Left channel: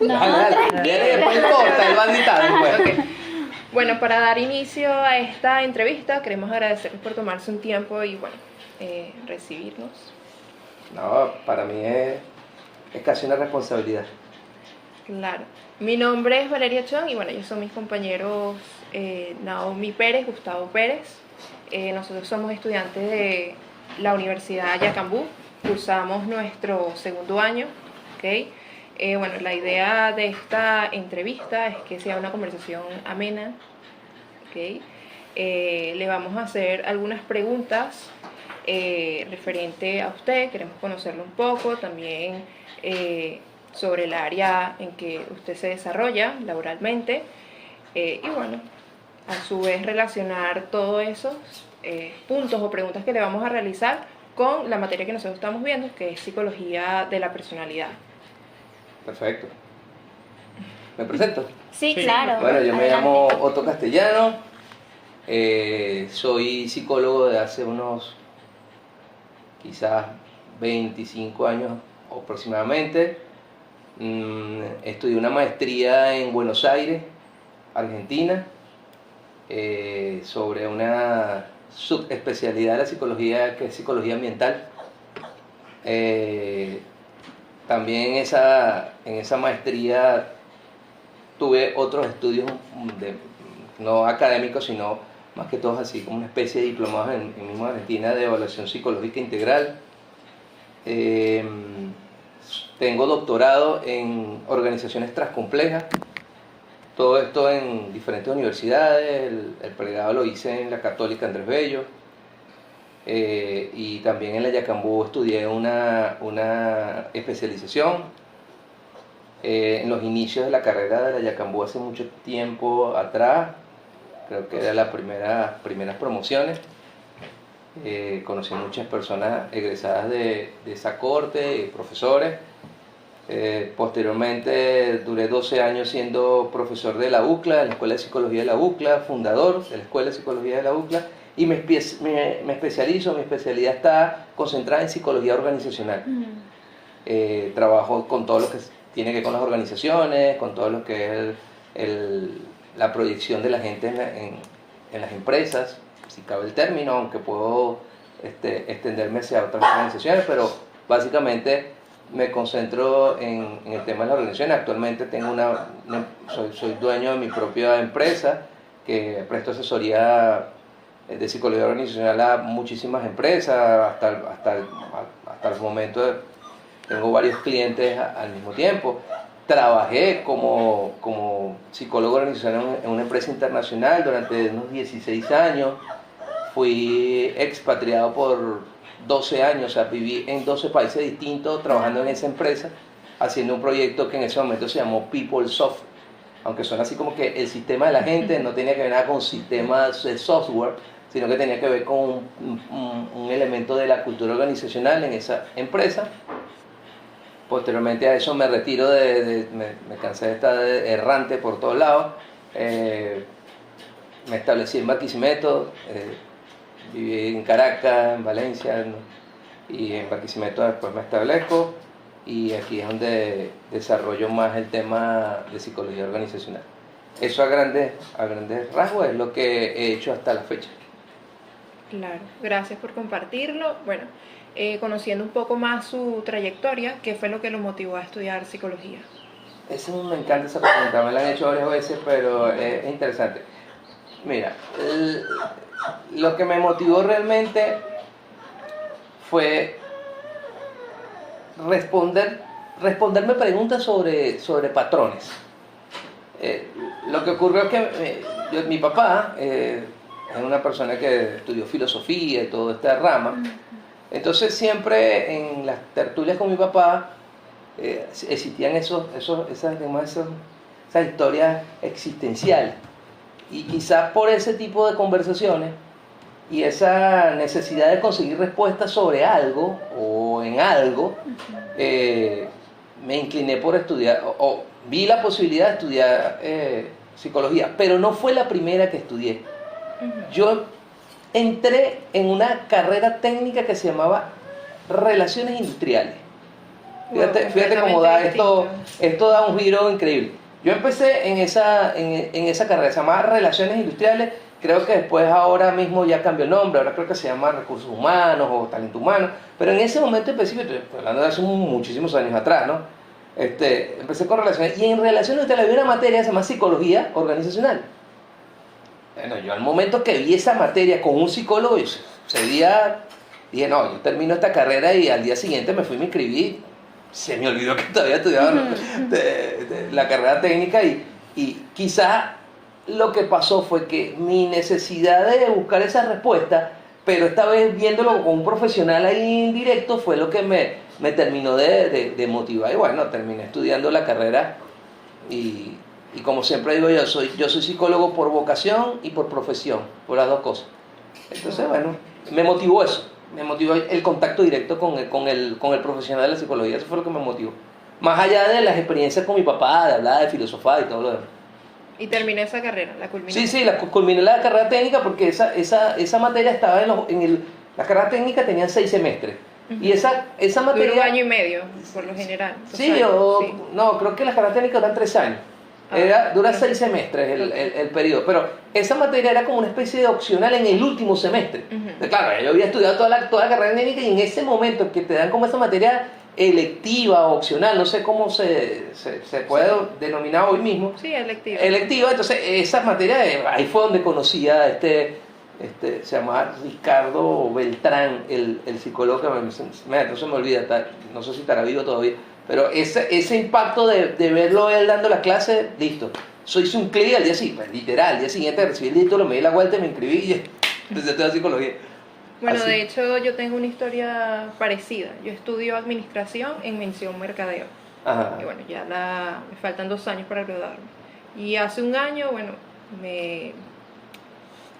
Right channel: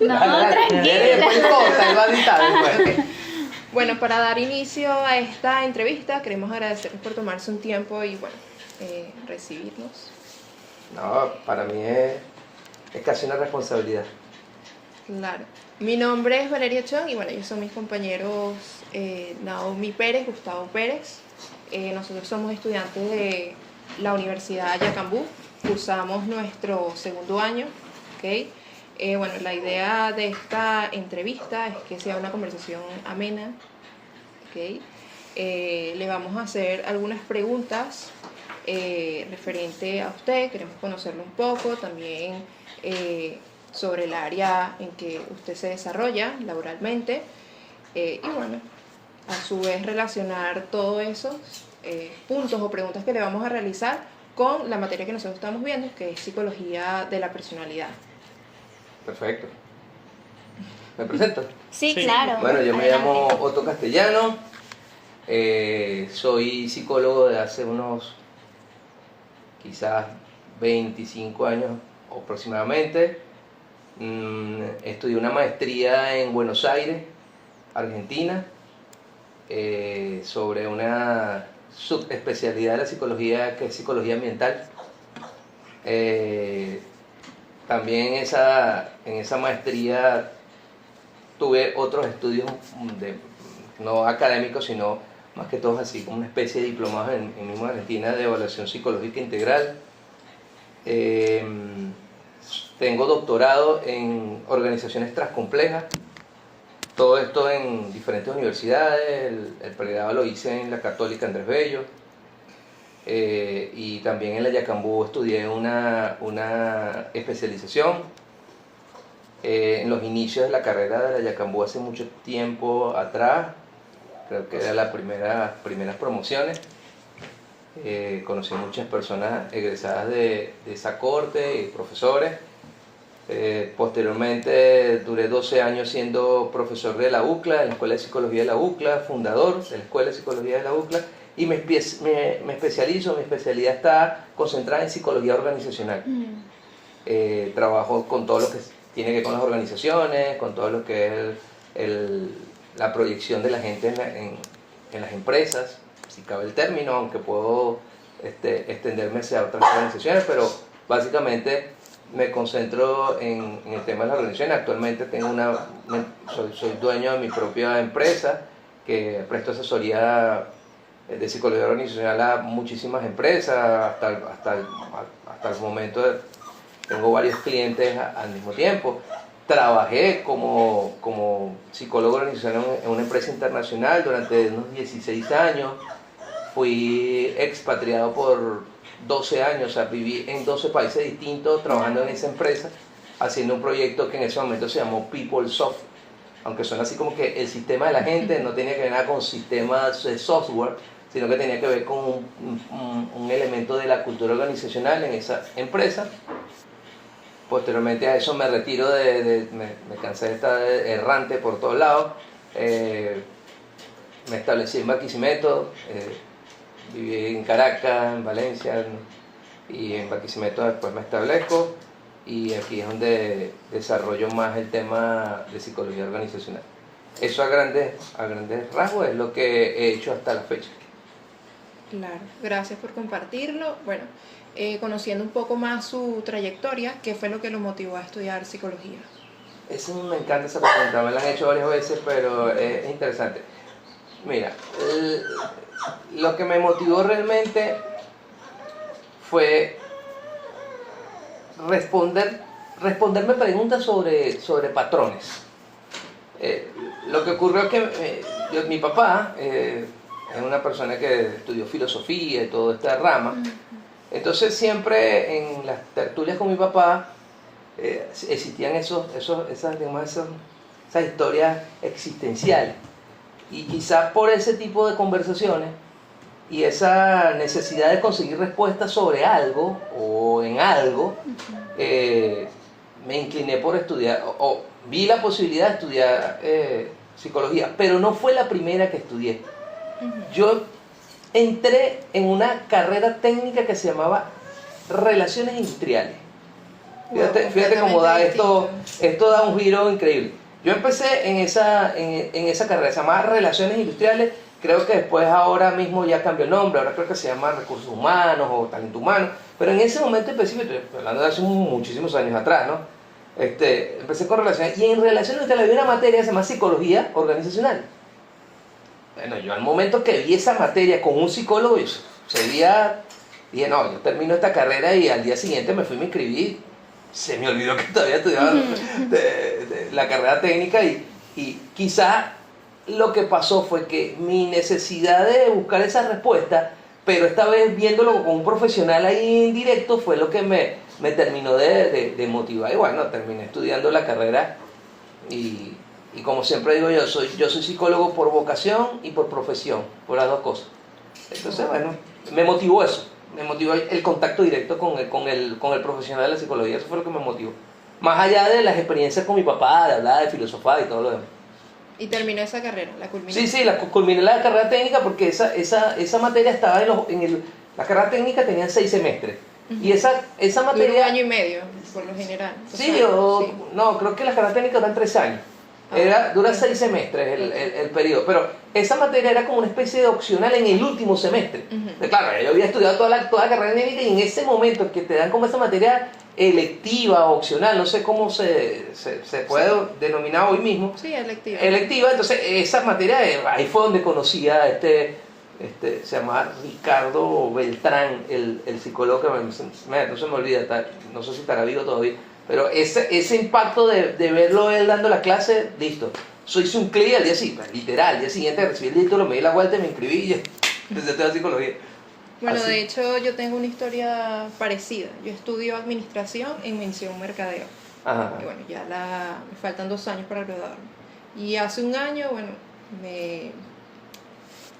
No, tranquila. Después corta, el banditado. Ok. Bueno, para dar inicio a esta entrevista, queremos agradecerles por tomarse un tiempo y, bueno, recibirnos. No, para mí es casi una responsabilidad. Claro. Mi nombre es Valeria Chong y, bueno, ellos son mis compañeros Naomi Pérez, Gustavo Pérez. Nosotros somos estudiantes de la Universidad Yacambú. Cursamos nuestro segundo año, ¿ok? Bueno, la idea de esta entrevista es que sea una conversación amena, ¿ok? Le vamos a hacer algunas preguntas referente a usted, queremos conocerlo un poco, también sobre el área en que usted se desarrolla laboralmente y bueno, a su vez relacionar todos esos puntos o preguntas que le vamos a realizar con la materia que nosotros estamos viendo, que es psicología de la personalidad. Perfecto. ¿Me presento? Sí, claro. Bueno, yo me Adelante. llamo Otto Castellano, soy psicólogo de hace unos quizás 25 años aproximadamente. Estudié una maestría en Buenos Aires, Argentina, sobre una subespecialidad de la psicología que es psicología ambiental. También en esa maestría tuve otros estudios no académicos, sino más que todos así como una especie de diplomados en misma Argentina de evaluación psicológica integral. Tengo doctorado en organizaciones transcomplejas, todo esto en diferentes universidades. El pregrado lo hice en la Católica Andrés Bello, y también en la Yacambú estudié una especialización. En los inicios de la carrera de la Yacambú hace mucho tiempo atrás, creo que era las primeras promociones. Conocí a muchas personas egresadas de esa corte, profesores. Posteriormente duré 12 años siendo profesor de la UCLA, en la Escuela de Psicología de la UCLA, fundador de la Escuela de Psicología de la UCLA, y mi especialidad está concentrada en psicología organizacional. Trabajo con todo lo que tiene que ver con las organizaciones, con todo lo que es la proyección de la gente en las empresas, si cabe el término, aunque puedo extenderme hacia otras organizaciones, pero básicamente me concentro en el tema de las organizaciones. Actualmente tengo soy dueño de mi propia empresa que presto asesoría de psicología organizacional a muchísimas empresas. Hasta el momento tengo varios clientes al mismo tiempo. Trabajé como psicólogo organizacional en una empresa internacional durante unos 16 años. Fui expatriado por 12 años, o sea, viví en 12 países distintos trabajando en esa empresa, haciendo un proyecto que en ese momento se llamó PeopleSoft, aunque suena así como que el sistema de la gente, no tenía que ver nada con sistemas de software, sino que tenía que ver con un elemento de la cultura organizacional en esa empresa. Posteriormente a eso me retiro, me cansé de estar errante por todos lados. Me establecí en Barquisimeto, viví en Caracas, en Valencia, y en Barquisimeto después me establezco, y aquí es donde desarrollo más el tema de psicología organizacional. Eso a grandes rasgos es lo que he hecho hasta la fecha. Claro, gracias por compartirlo. Bueno, conociendo un poco más su trayectoria, ¿qué fue lo que lo motivó a estudiar psicología? Me encanta esa pregunta, me la han hecho varias veces, pero es interesante. Mira, lo que me motivó realmente fue responderme preguntas sobre patrones. Lo que ocurrió es que mi papá es una persona que estudió filosofía y toda esta rama. Entonces siempre en las tertulias con mi papá existían esas historias existenciales. Y quizás por ese tipo de conversaciones y esa necesidad de conseguir respuestas sobre algo o en algo, me incliné por estudiar, o vi la posibilidad de estudiar psicología, pero no fue la primera que estudié. Yo entré en una carrera técnica que se llamaba Relaciones Industriales. Fíjate cómo da esto da un giro increíble. Yo empecé en esa carrera, se llama Relaciones Industriales, creo que después ahora mismo ya cambió el nombre, ahora creo que se llama Recursos Humanos o Talento Humano, pero en ese momento específico, estoy hablando de hace muchísimos años atrás, ¿no? Empecé con relaciones, y en relaciones industriales había una materia que se llama Psicología Organizacional. Bueno, yo al momento que vi esa materia con un psicólogo, dije, no, yo termino esta carrera, y al día siguiente me fui y me inscribí. Se me olvidó que todavía estudiaba la carrera técnica, y quizás lo que pasó fue que mi necesidad de buscar esa respuesta, pero esta vez viéndolo con un profesional ahí indirecto, fue lo que me terminó de motivar. Y bueno, terminé estudiando la carrera, y como siempre digo, yo soy psicólogo por vocación y por profesión, por las dos cosas. Entonces, bueno, me motivó eso. Me motivó el contacto directo con el profesional de la psicología. Eso fue lo que me motivó. Más allá de las experiencias con mi papá, de hablar, de filosofar y todo lo demás. Y terminé esa carrera, la culminé. Sí, culminé la carrera técnica, porque esa materia estaba la carrera técnica tenía 6 semestres. Y esa materia... Dura 1 año y medio, por lo general. Sí, no, creo que las carreras técnicas duran 3 años. Dura 6 semestres el periodo, pero esa materia era como una especie de opcional en el último semestre. Claro, yo había estudiado toda la carrera técnica, y en ese momento que te dan como esa materia electiva o opcional, no sé cómo se puede denominar hoy mismo. Sí, electiva. Electiva, entonces esa materia, ahí fue donde conocí a se llama Ricardo Beltrán, el psicólogo, que no se me olvida, no sé si estará vivo todavía. Pero ese impacto de verlo él dando la clase, listo. Hice un clic al día siguiente, literal, al día siguiente recibí el título, me di la vuelta y me inscribí, y entonces tengo psicología. Bueno, Así. de hecho yo tengo una historia parecida. Yo estudio administración en mención mercadeo. Ajá. Y bueno, me faltan 2 años para graduarme. Y hace un año, bueno, me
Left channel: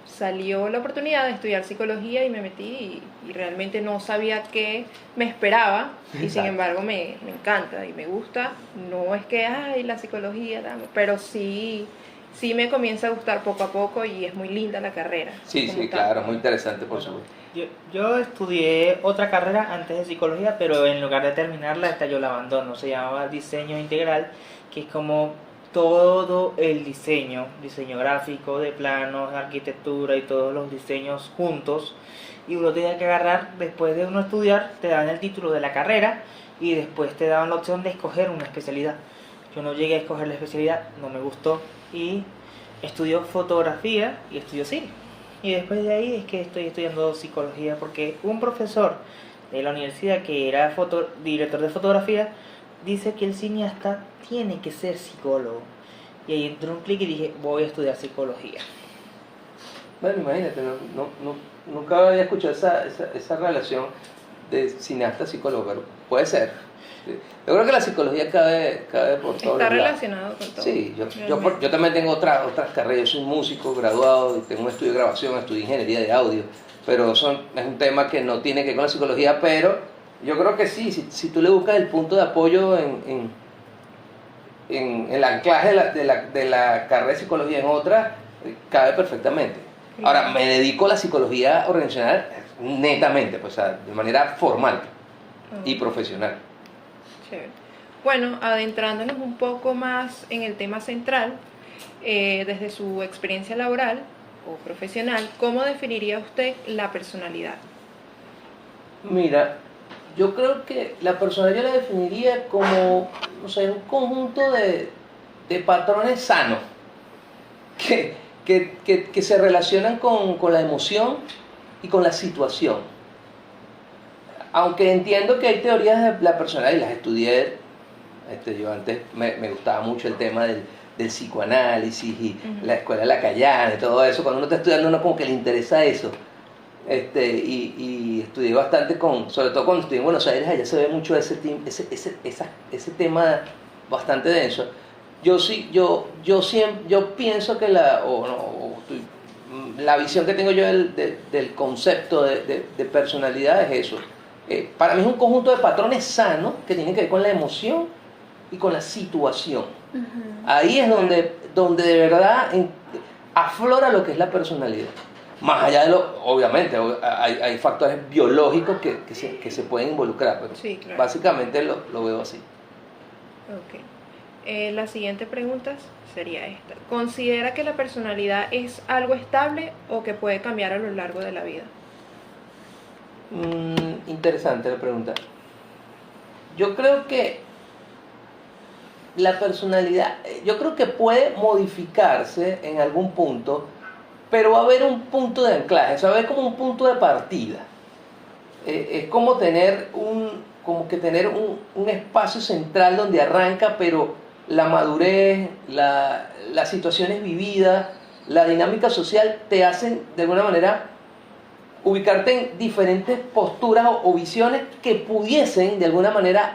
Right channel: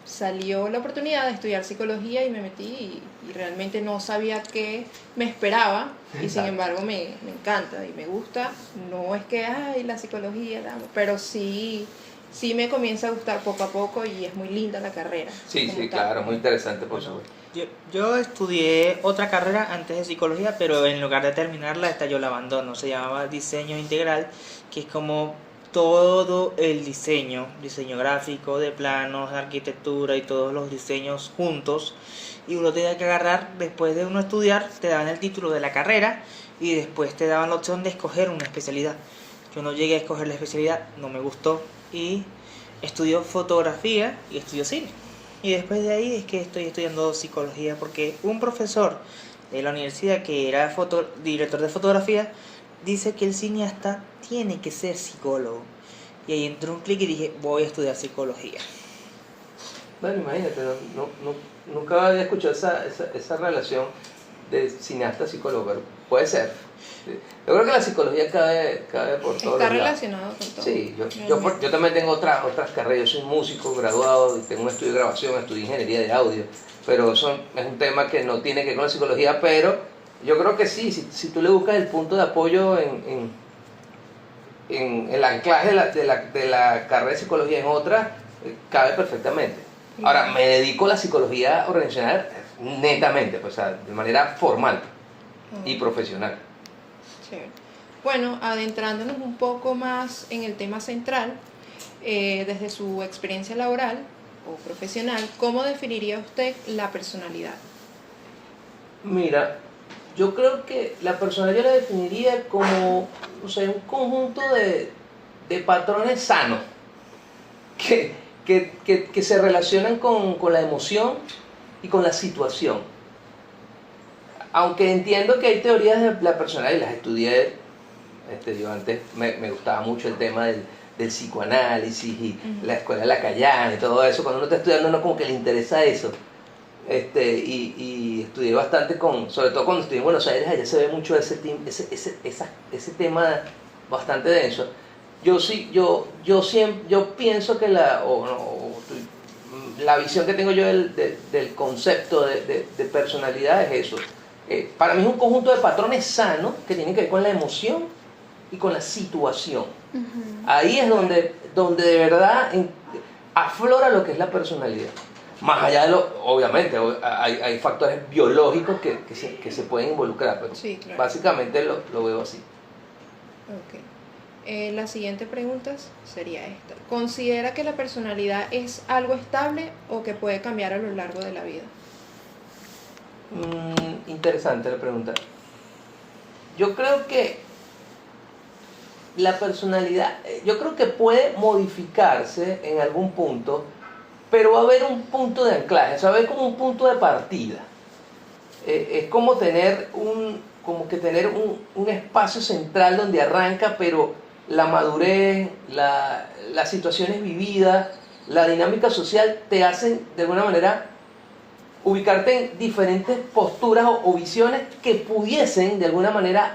salió la oportunidad de estudiar psicología y me metí, y realmente no sabía qué me esperaba, y sin embargo me encanta y me gusta. No es que, la psicología, pero sí me comienza a gustar poco a poco, y es muy linda la carrera. Sí, claro, muy interesante, por supuesto. Yo estudié otra carrera antes de psicología, pero en lugar de terminarla, yo la abandono. Se llamaba diseño integral, que es como todo el diseño gráfico, de planos, de arquitectura y todos los diseños juntos, y uno tenía que agarrar, después de uno estudiar, te daban el título de la carrera y después te daban la opción de escoger una especialidad. Yo no llegué a escoger la especialidad, no me gustó, y estudió fotografía y estudió cine. Y después de ahí es que estoy estudiando psicología, porque un profesor de la universidad que era director de fotografía dice que el cineasta tiene que ser psicólogo. Y ahí entró un clic y dije, voy a estudiar psicología. Bueno, imagínate, nunca había escuchado esa relación de cineasta-psicólogo, pero puede ser. Yo creo que la psicología cabe por todos Está lados. relacionado con todo. Sí, yo también tengo otras carreras. Yo soy músico graduado y tengo un estudio de grabación, estudio ingeniería de audio, pero eso es un tema que no tiene que ver con la psicología, pero yo creo que sí, si tú le buscas el punto de apoyo en el anclaje de la carrera de psicología en otra, cabe perfectamente. Ahora, me dedico a la psicología organizacional netamente, o sea, de manera formal y profesional. Chévere. Bueno, adentrándonos un poco más en el tema central, desde su experiencia laboral o profesional, ¿cómo definiría usted la personalidad? Mira, yo creo que la personalidad yo la definiría como, no sé, un conjunto de patrones sanos que se relacionan con la emoción y con la situación. Aunque entiendo que hay teorías de la personalidad y las estudié, yo antes me gustaba mucho el tema del psicoanálisis y la escuela lacayana y todo eso. Cuando uno está estudiando, uno como que le interesa eso. Y estudié bastante sobre todo cuando estudié en Buenos Aires, allá se ve mucho ese tema bastante denso. Yo pienso que la visión que tengo yo del concepto de personalidad es eso. Para mí es un conjunto de patrones sanos que tienen que ver con la emoción y con la situación. Ahí es donde de verdad aflora lo que es la personalidad. Más allá de lo, obviamente, hay factores biológicos que se pueden involucrar, pero Sí, claro. básicamente lo veo así. Ok. La siguiente pregunta sería esta. ¿Considera que la personalidad es algo estable o que puede cambiar a lo largo de la vida? Interesante la pregunta. Yo creo que la personalidad, yo creo que puede modificarse en algún punto, pero va a haber un punto de anclaje, o sea, va a haber como un punto de partida. Es como tener un espacio central donde arranca, pero la madurez, las situaciones vividas, la dinámica social te hacen de alguna manera ubicarte en diferentes posturas o visiones que pudiesen de alguna manera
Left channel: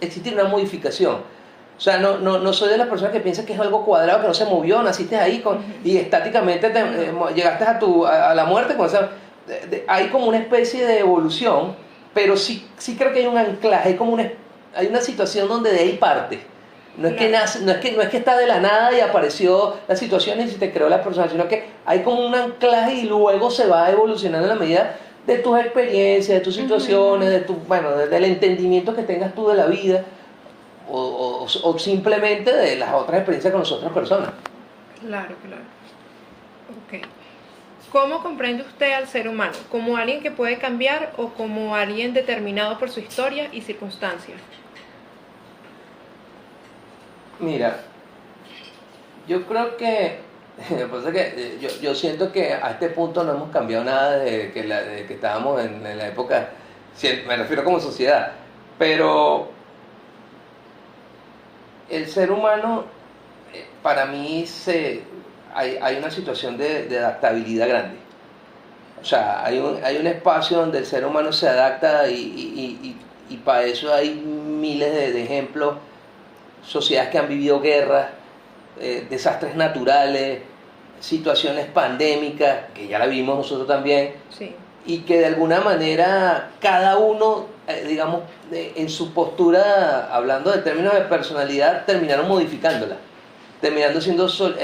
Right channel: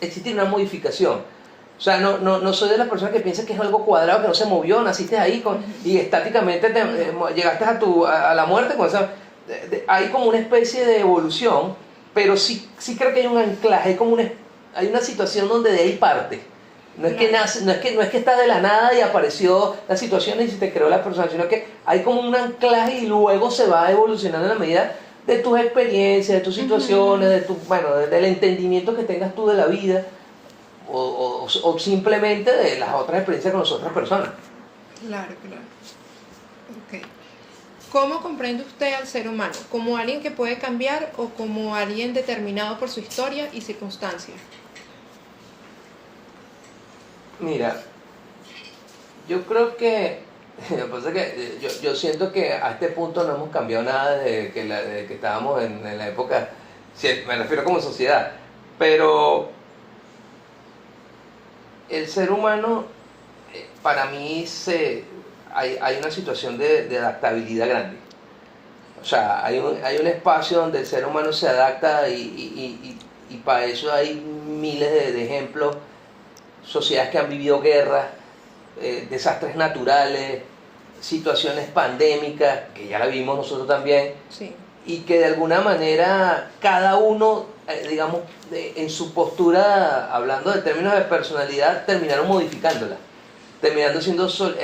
existir una modificación. O sea, no soy de las personas que piensan que es algo cuadrado, que no se movió, naciste ahí y estáticamente llegaste a la muerte. Hay como una especie de evolución, pero sí creo que hay un anclaje, hay una situación donde de ahí parte. No es que nace, no es que está de la nada y apareció la situación y se te creó la persona, sino que hay como un anclaje y luego se va evolucionando en la medida de tus experiencias, de tus situaciones, del entendimiento que tengas tú de la vida o simplemente de las otras experiencias con las otras personas. Claro. Ok. ¿Cómo comprende usted al ser humano? ¿Como alguien que puede cambiar o como alguien determinado por su historia y circunstancias? Mira, yo creo que, lo que pasa es que yo siento que a este punto no hemos cambiado nada desde que estábamos en la época, me refiero como sociedad, pero el ser humano, para mí, hay una situación de adaptabilidad grande. O sea, hay un espacio donde el ser humano se adapta y para eso hay miles de ejemplos. Sociedades que han vivido guerras, desastres naturales, situaciones pandémicas, que ya la vimos nosotros también, Sí. y que de alguna manera cada uno, digamos, en su postura, hablando de términos de personalidad, terminaron modificándola, terminando siendo, eso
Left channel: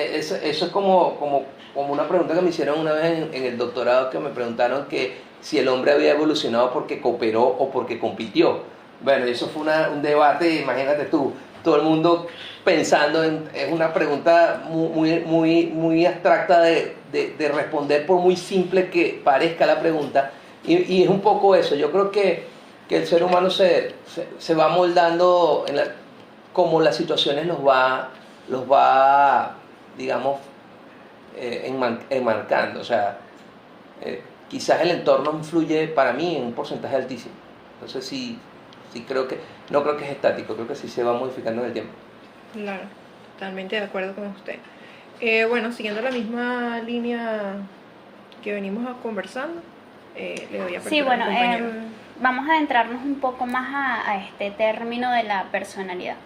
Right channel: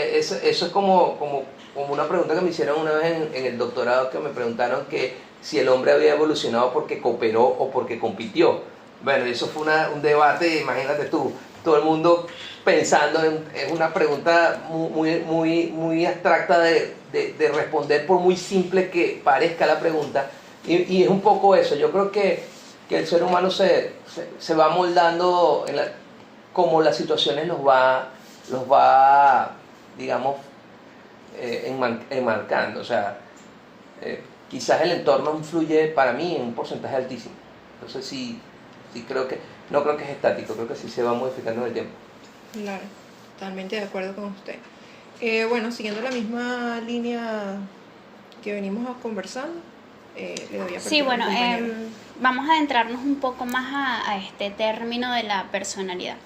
es como una pregunta que me hicieron una vez en el doctorado, que me preguntaron que si el hombre había evolucionado porque cooperó o porque compitió. Bueno, eso fue un debate, imagínate tú, todo el mundo pensando es una pregunta muy abstracta de responder, por muy simple que parezca la pregunta, y es un poco eso. Yo creo que el ser humano se va moldando como las situaciones los va digamos, enmarcando. O sea, quizás el entorno influye para mí en un porcentaje altísimo. Entonces sí no creo que es estático, creo que sí se va modificando en el tiempo. Claro, totalmente de acuerdo con usted. Bueno, siguiendo la misma línea que venimos conversando, le doy a Sí, bueno, compañero. vamos a adentrarnos un poco más a este término de la personalidad.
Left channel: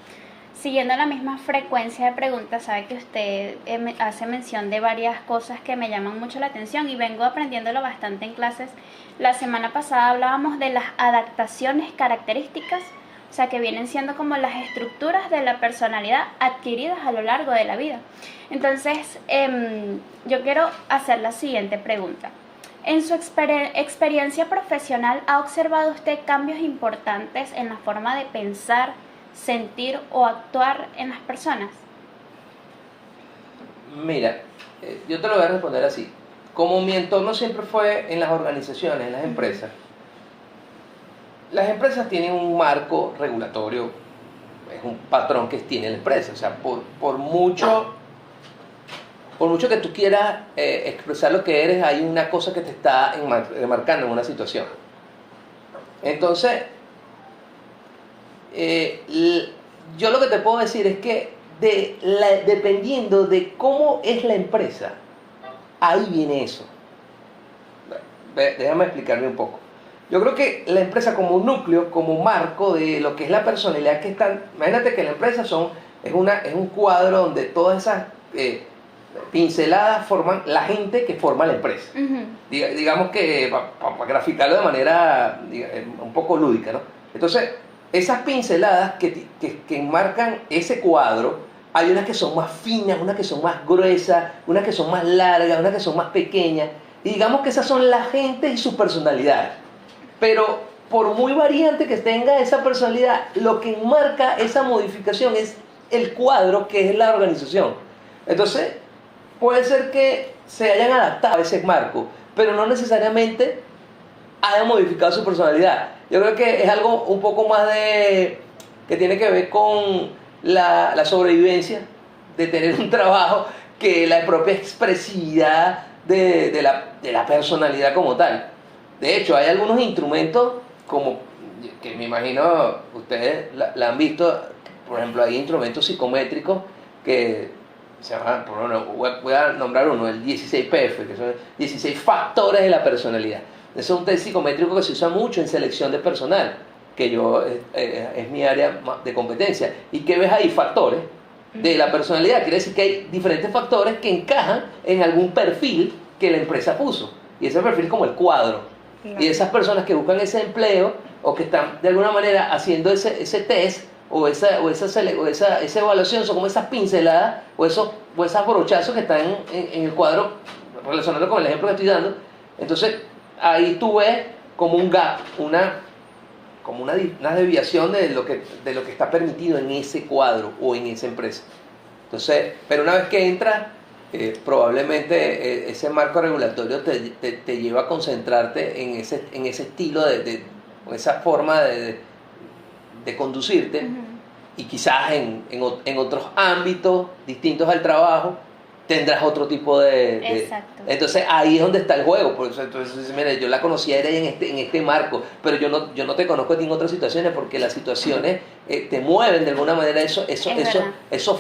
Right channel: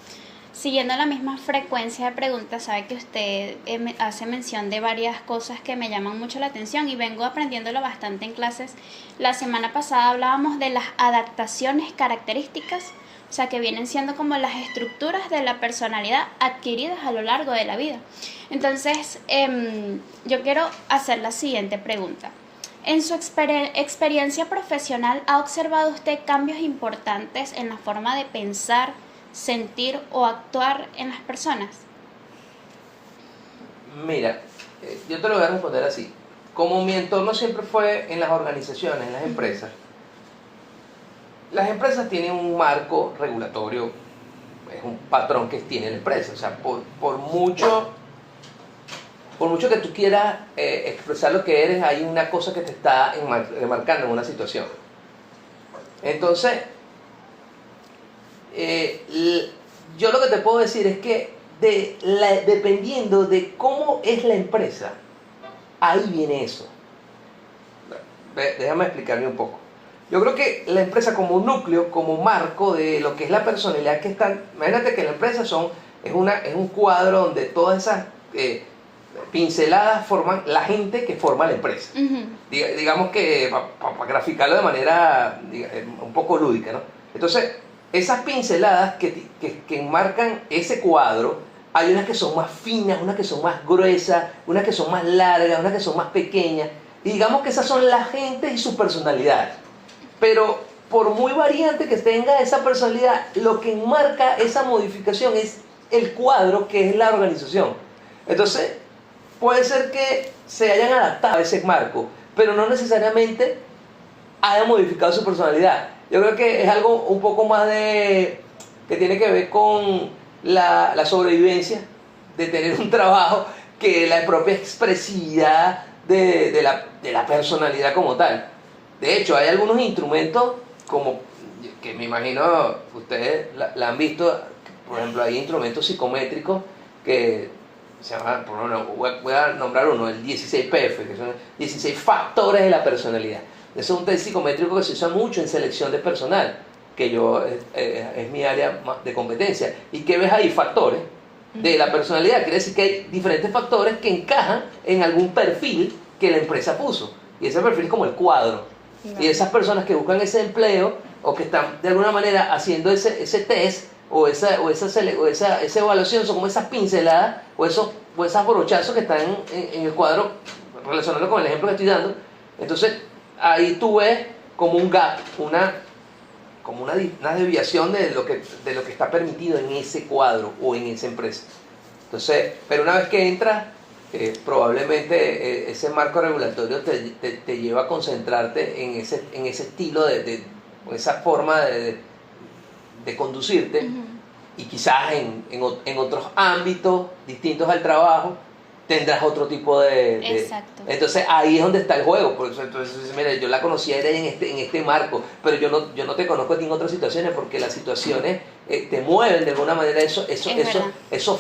Siguiendo la misma frecuencia de preguntas, sabe que usted hace mención de varias cosas que me llaman mucho la atención y vengo aprendiéndolo bastante en clases. La semana pasada hablábamos de las adaptaciones características, o sea, que vienen siendo como las estructuras de la personalidad adquiridas a lo largo de la vida. Entonces, yo quiero hacer la siguiente pregunta. En su experiencia profesional, ¿ha observado usted cambios importantes en la forma de pensar, sentir o actuar en las personas? Mira, yo te lo voy a responder así. Como mi entorno siempre fue en las organizaciones, en las empresas tienen un marco regulatorio, es un patrón que tiene la empresa. O sea, por mucho que tú quieras expresar lo que eres, hay una cosa que te está enmarcando en una situación. Entonces, yo lo que te puedo decir es que dependiendo de cómo es la empresa, ahí viene eso. Déjame explicarme un poco. Yo creo que la empresa como núcleo, como marco de lo que es la personalidad que está... Imagínate que la empresa es un cuadro donde todas esas pinceladas forman la gente que forma la empresa. Uh-huh. Digamos que, para graficarlo de manera un poco lúdica, ¿no? Entonces, esas pinceladas que enmarcan ese cuadro, hay unas que son más finas, unas que son más gruesas, unas que son más largas, unas que son más pequeñas. Y digamos que esas son las gentes y sus personalidades. Pero por muy variante que tenga esa personalidad, lo que enmarca esa modificación es el cuadro que es la organización. Entonces, puede ser que se hayan adaptado a ese marco, pero no necesariamente hayan modificado su personalidad. Yo creo que es algo un poco más de que tiene que ver con la sobrevivencia, de tener un trabajo, que la propia expresividad de la personalidad como tal. De hecho, hay algunos instrumentos como que me imagino ustedes la han visto, por ejemplo, hay instrumentos psicométricos que se llaman, por ejemplo, voy a nombrar uno, el 16PF, que son 16 factores de la personalidad. Ese es un test psicométrico que se usa mucho en selección de personal, que es mi área de competencia. ¿Y qué ves ahí? Factores de la personalidad. Quiere decir que hay diferentes factores que encajan en algún perfil que la empresa puso. Y ese perfil es como el cuadro. Y esas personas que buscan ese empleo o que están de alguna manera haciendo ese test o esa evaluación, son como esas pinceladas o esos brochazos que están en el cuadro, relacionando con el ejemplo que estoy dando. Entonces ahí tú ves como un gap, una desviación de lo que está permitido en ese cuadro o en esa empresa. Entonces, pero una vez que entras, probablemente ese marco regulatorio te lleva a concentrarte en ese estilo o esa forma de conducirte. Y quizás en otros ámbitos distintos al trabajo tendrás otro tipo de... Exacto. Entonces ahí es donde está el juego. Por eso, entonces, mira, yo la conocía era en este marco, pero yo no te conozco en otras situaciones, porque las situaciones te mueven de alguna manera esos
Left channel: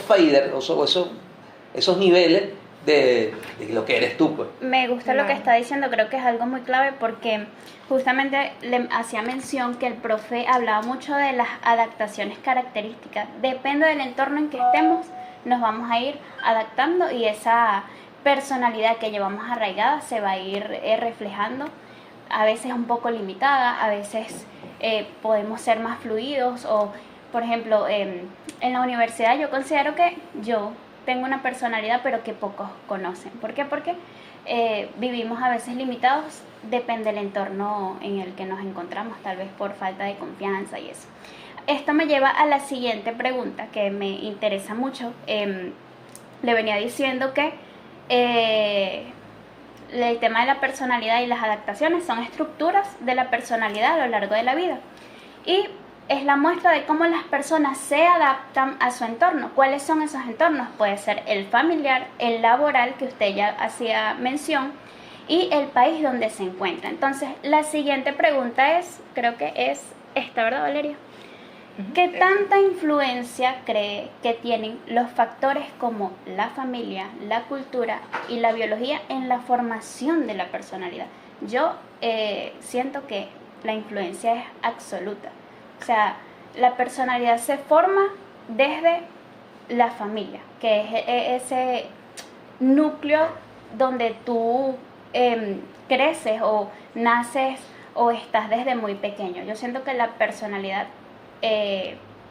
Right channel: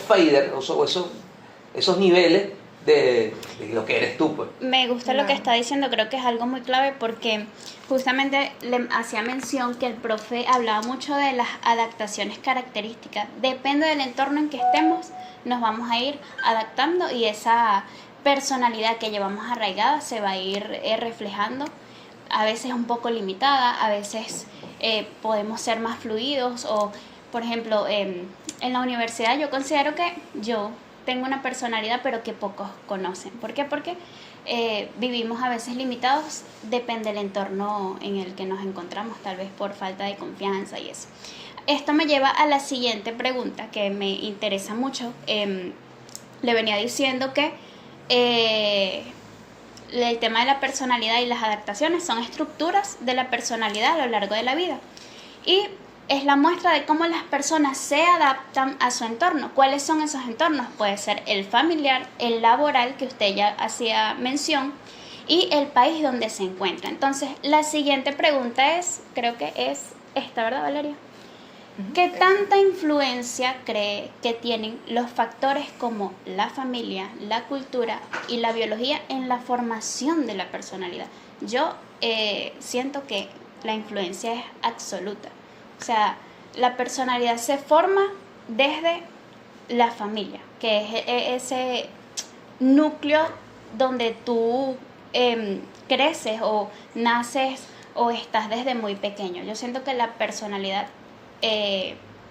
faders, esos niveles de lo que eres tú, pues. Me gusta lo que está diciendo, creo que es algo muy clave, porque justamente le hacía mención que el profe hablaba mucho de las adaptaciones características. Depende del entorno en que estemos, nos vamos a ir adaptando, y esa personalidad que llevamos arraigada se va a ir reflejando, a veces un poco limitada, a veces podemos ser más fluidos, o por ejemplo en la universidad yo considero que yo tengo una personalidad pero que pocos conocen. ¿Por qué? Porque vivimos a veces limitados, depende del entorno en el que nos encontramos, tal vez por falta de confianza y eso. Esto me lleva a la siguiente pregunta que me interesa mucho. Le venía diciendo que el tema de la personalidad y las adaptaciones son estructuras de la personalidad a lo largo de la vida. Y es la muestra de cómo las personas se adaptan a su entorno. ¿Cuáles son esos entornos? Puede ser el familiar, el laboral, que usted ya hacía mención, y el país donde se encuentra. Entonces, la siguiente pregunta creo que es esta, ¿verdad, Valeria? ¿Qué tanta influencia cree que tienen los factores como la familia, la cultura y la biología en la formación de la personalidad? Yo siento que la influencia es absoluta. O sea, la personalidad se forma desde la familia, que es ese núcleo donde tú creces o naces o estás desde muy pequeño. Yo siento que la personalidad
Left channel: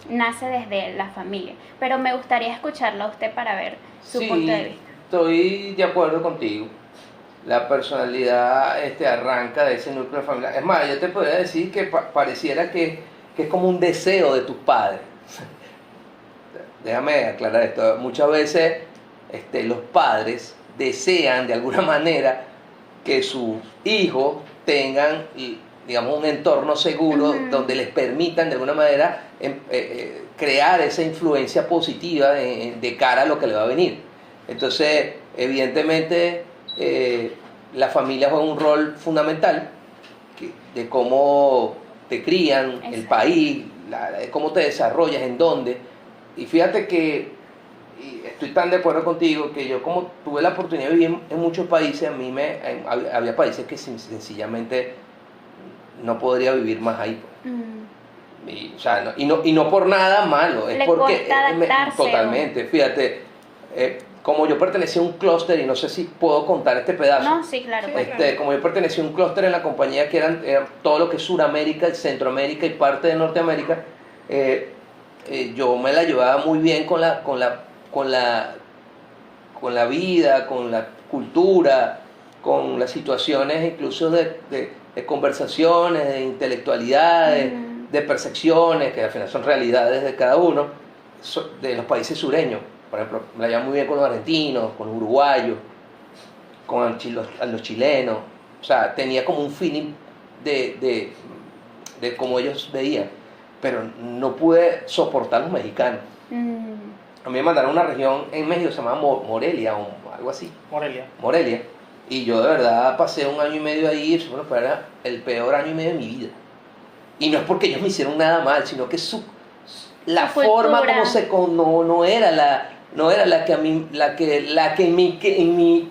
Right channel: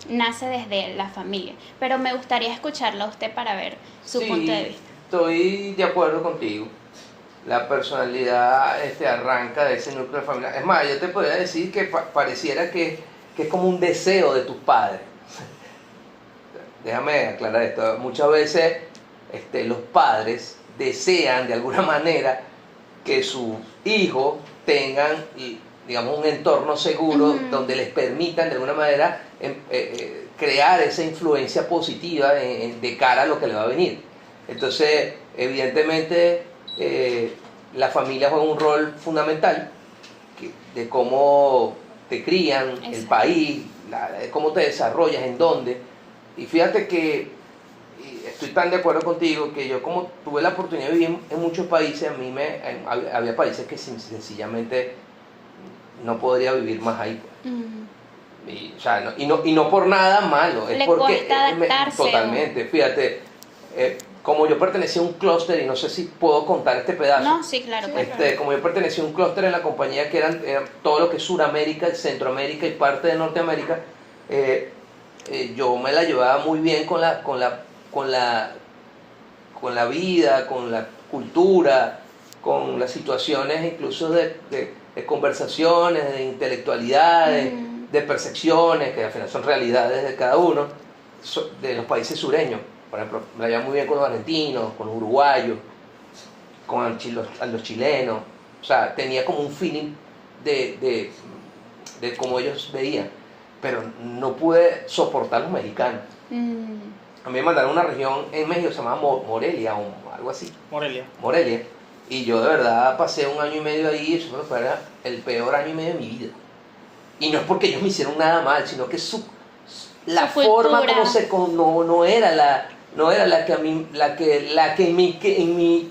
nace desde la familia, pero me gustaría escucharla a usted para ver su punto de vista. Estoy de acuerdo contigo. La personalidad arranca de ese núcleo familiar. Es más, yo te podría decir que pareciera que es como un deseo de tus padres. Déjame aclarar esto. Muchas veces los padres desean de alguna manera que sus hijos tengan, digamos, un entorno seguro donde les permitan de alguna manera crear esa influencia positiva de cara a lo que le va a venir. Entonces, evidentemente, la familia juega un rol fundamental de cómo te crían, exacto, el país, cómo te desarrollas, en dónde. Y fíjate que estoy tan de acuerdo contigo que yo, como tuve la oportunidad de vivir en muchos países, había países que sencillamente no podría vivir más ahí. Y no por nada malo, es porque totalmente, fíjate, como yo pertenecía a un clúster, y no sé si puedo contar este pedazo. No, sí, claro. Como yo pertenecía a un clúster en la compañía que eran todo lo que es Suramérica, Centroamérica y parte de Norteamérica, yo me la llevaba muy bien con la vida, con la cultura, con las situaciones incluso de conversaciones, de intelectualidad, de percepciones, que al final son realidades de cada uno, de los países sureños. Por ejemplo, me la llevo muy bien con los argentinos, con los uruguayos, con los chilenos. O sea, tenía como un feeling de cómo ellos veían, pero no pude soportar los mexicanos. A mí me mandaron a una región en México, se llama Morelia o algo así. Morelia. Y yo de verdad pasé un año y medio ahí, eso fue el peor año y medio de mi vida. Y no es porque ellos me hicieron nada mal, sino que la forma como no era la que a mí, la que en mi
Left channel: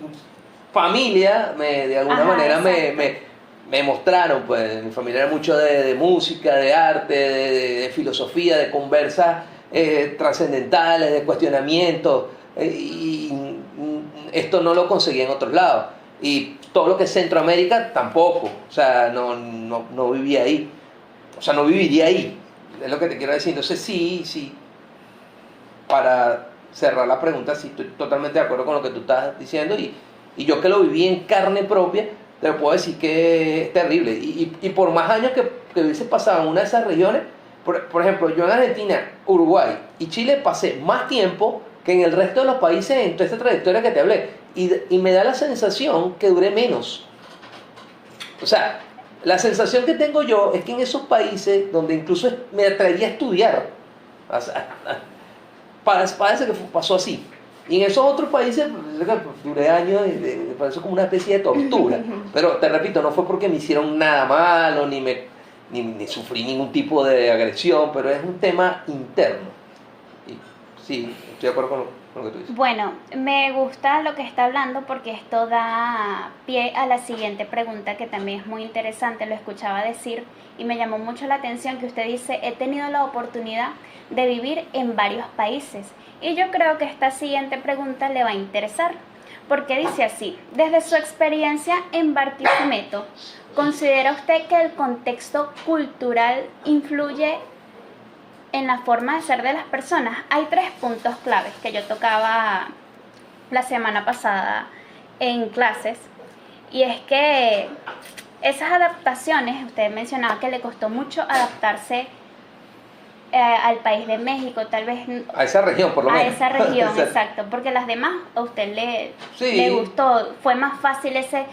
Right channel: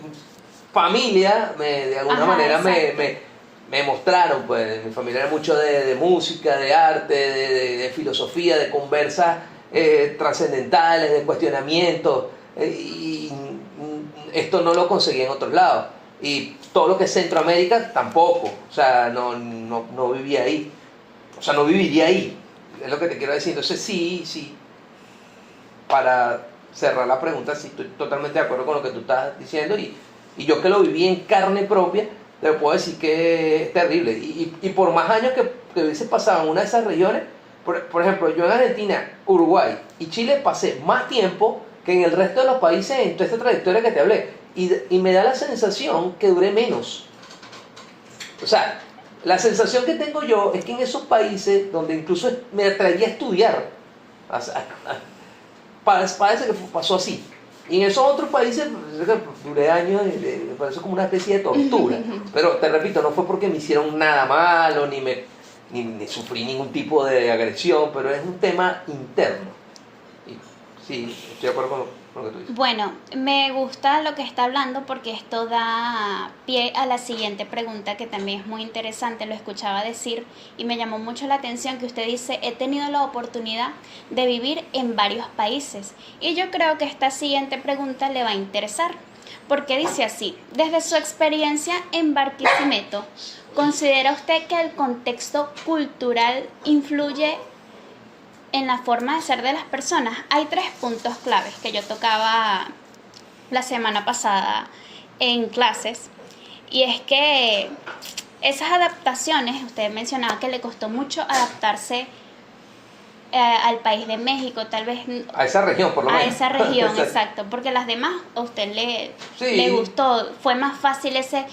familia de alguna manera me mostraron. Pues mi familia era mucho de música, de arte, de filosofía, de conversas trascendentales, de cuestionamientos, y esto no lo conseguí en otros lados. Y todo lo que es Centroamérica tampoco, o sea, no vivía ahí, o sea, no viviría ahí, es lo que te quiero decir. Entonces sí, para cerrar la pregunta, sí estoy totalmente de acuerdo con lo que tú estás diciendo, y yo que lo viví en carne propia, te puedo decir que es terrible. Y por más años que hubiese pasado en una de esas regiones, por ejemplo, yo en Argentina, Uruguay y Chile pasé más tiempo que en el resto de los países en toda esta trayectoria que te hablé. Y me da la sensación que duré menos. O sea, la sensación que tengo yo es que en esos países donde incluso me atreví a estudiar, parece que pasó así. Y en esos otros países duré años y me pareció como una especie de tortura. Pero te repito, no fue porque me hicieron nada malo, ni sufrí ningún tipo de agresión, pero es un tema interno. Y sí, estoy de acuerdo con lo que tú dices. Bueno, me gusta lo que está hablando porque esto da pie a la siguiente pregunta, que también es muy interesante. Lo escuchaba decir y me llamó mucho la atención que usted dice: he tenido la oportunidad de vivir en varios países. Y yo creo que esta siguiente pregunta le va a interesar, porque dice así: desde su experiencia en Barquisimeto, ¿considera usted que el contexto cultural influye en la forma de ser de las personas? Hay 3 puntos claves que yo tocaba la semana pasada en clases, y es que esas adaptaciones, usted mencionaba que le costó mucho adaptarse al país de México, tal vez a esa región, por lo menos. A esa región, exacto, porque las demás a usted le gustó, fue más fácil ese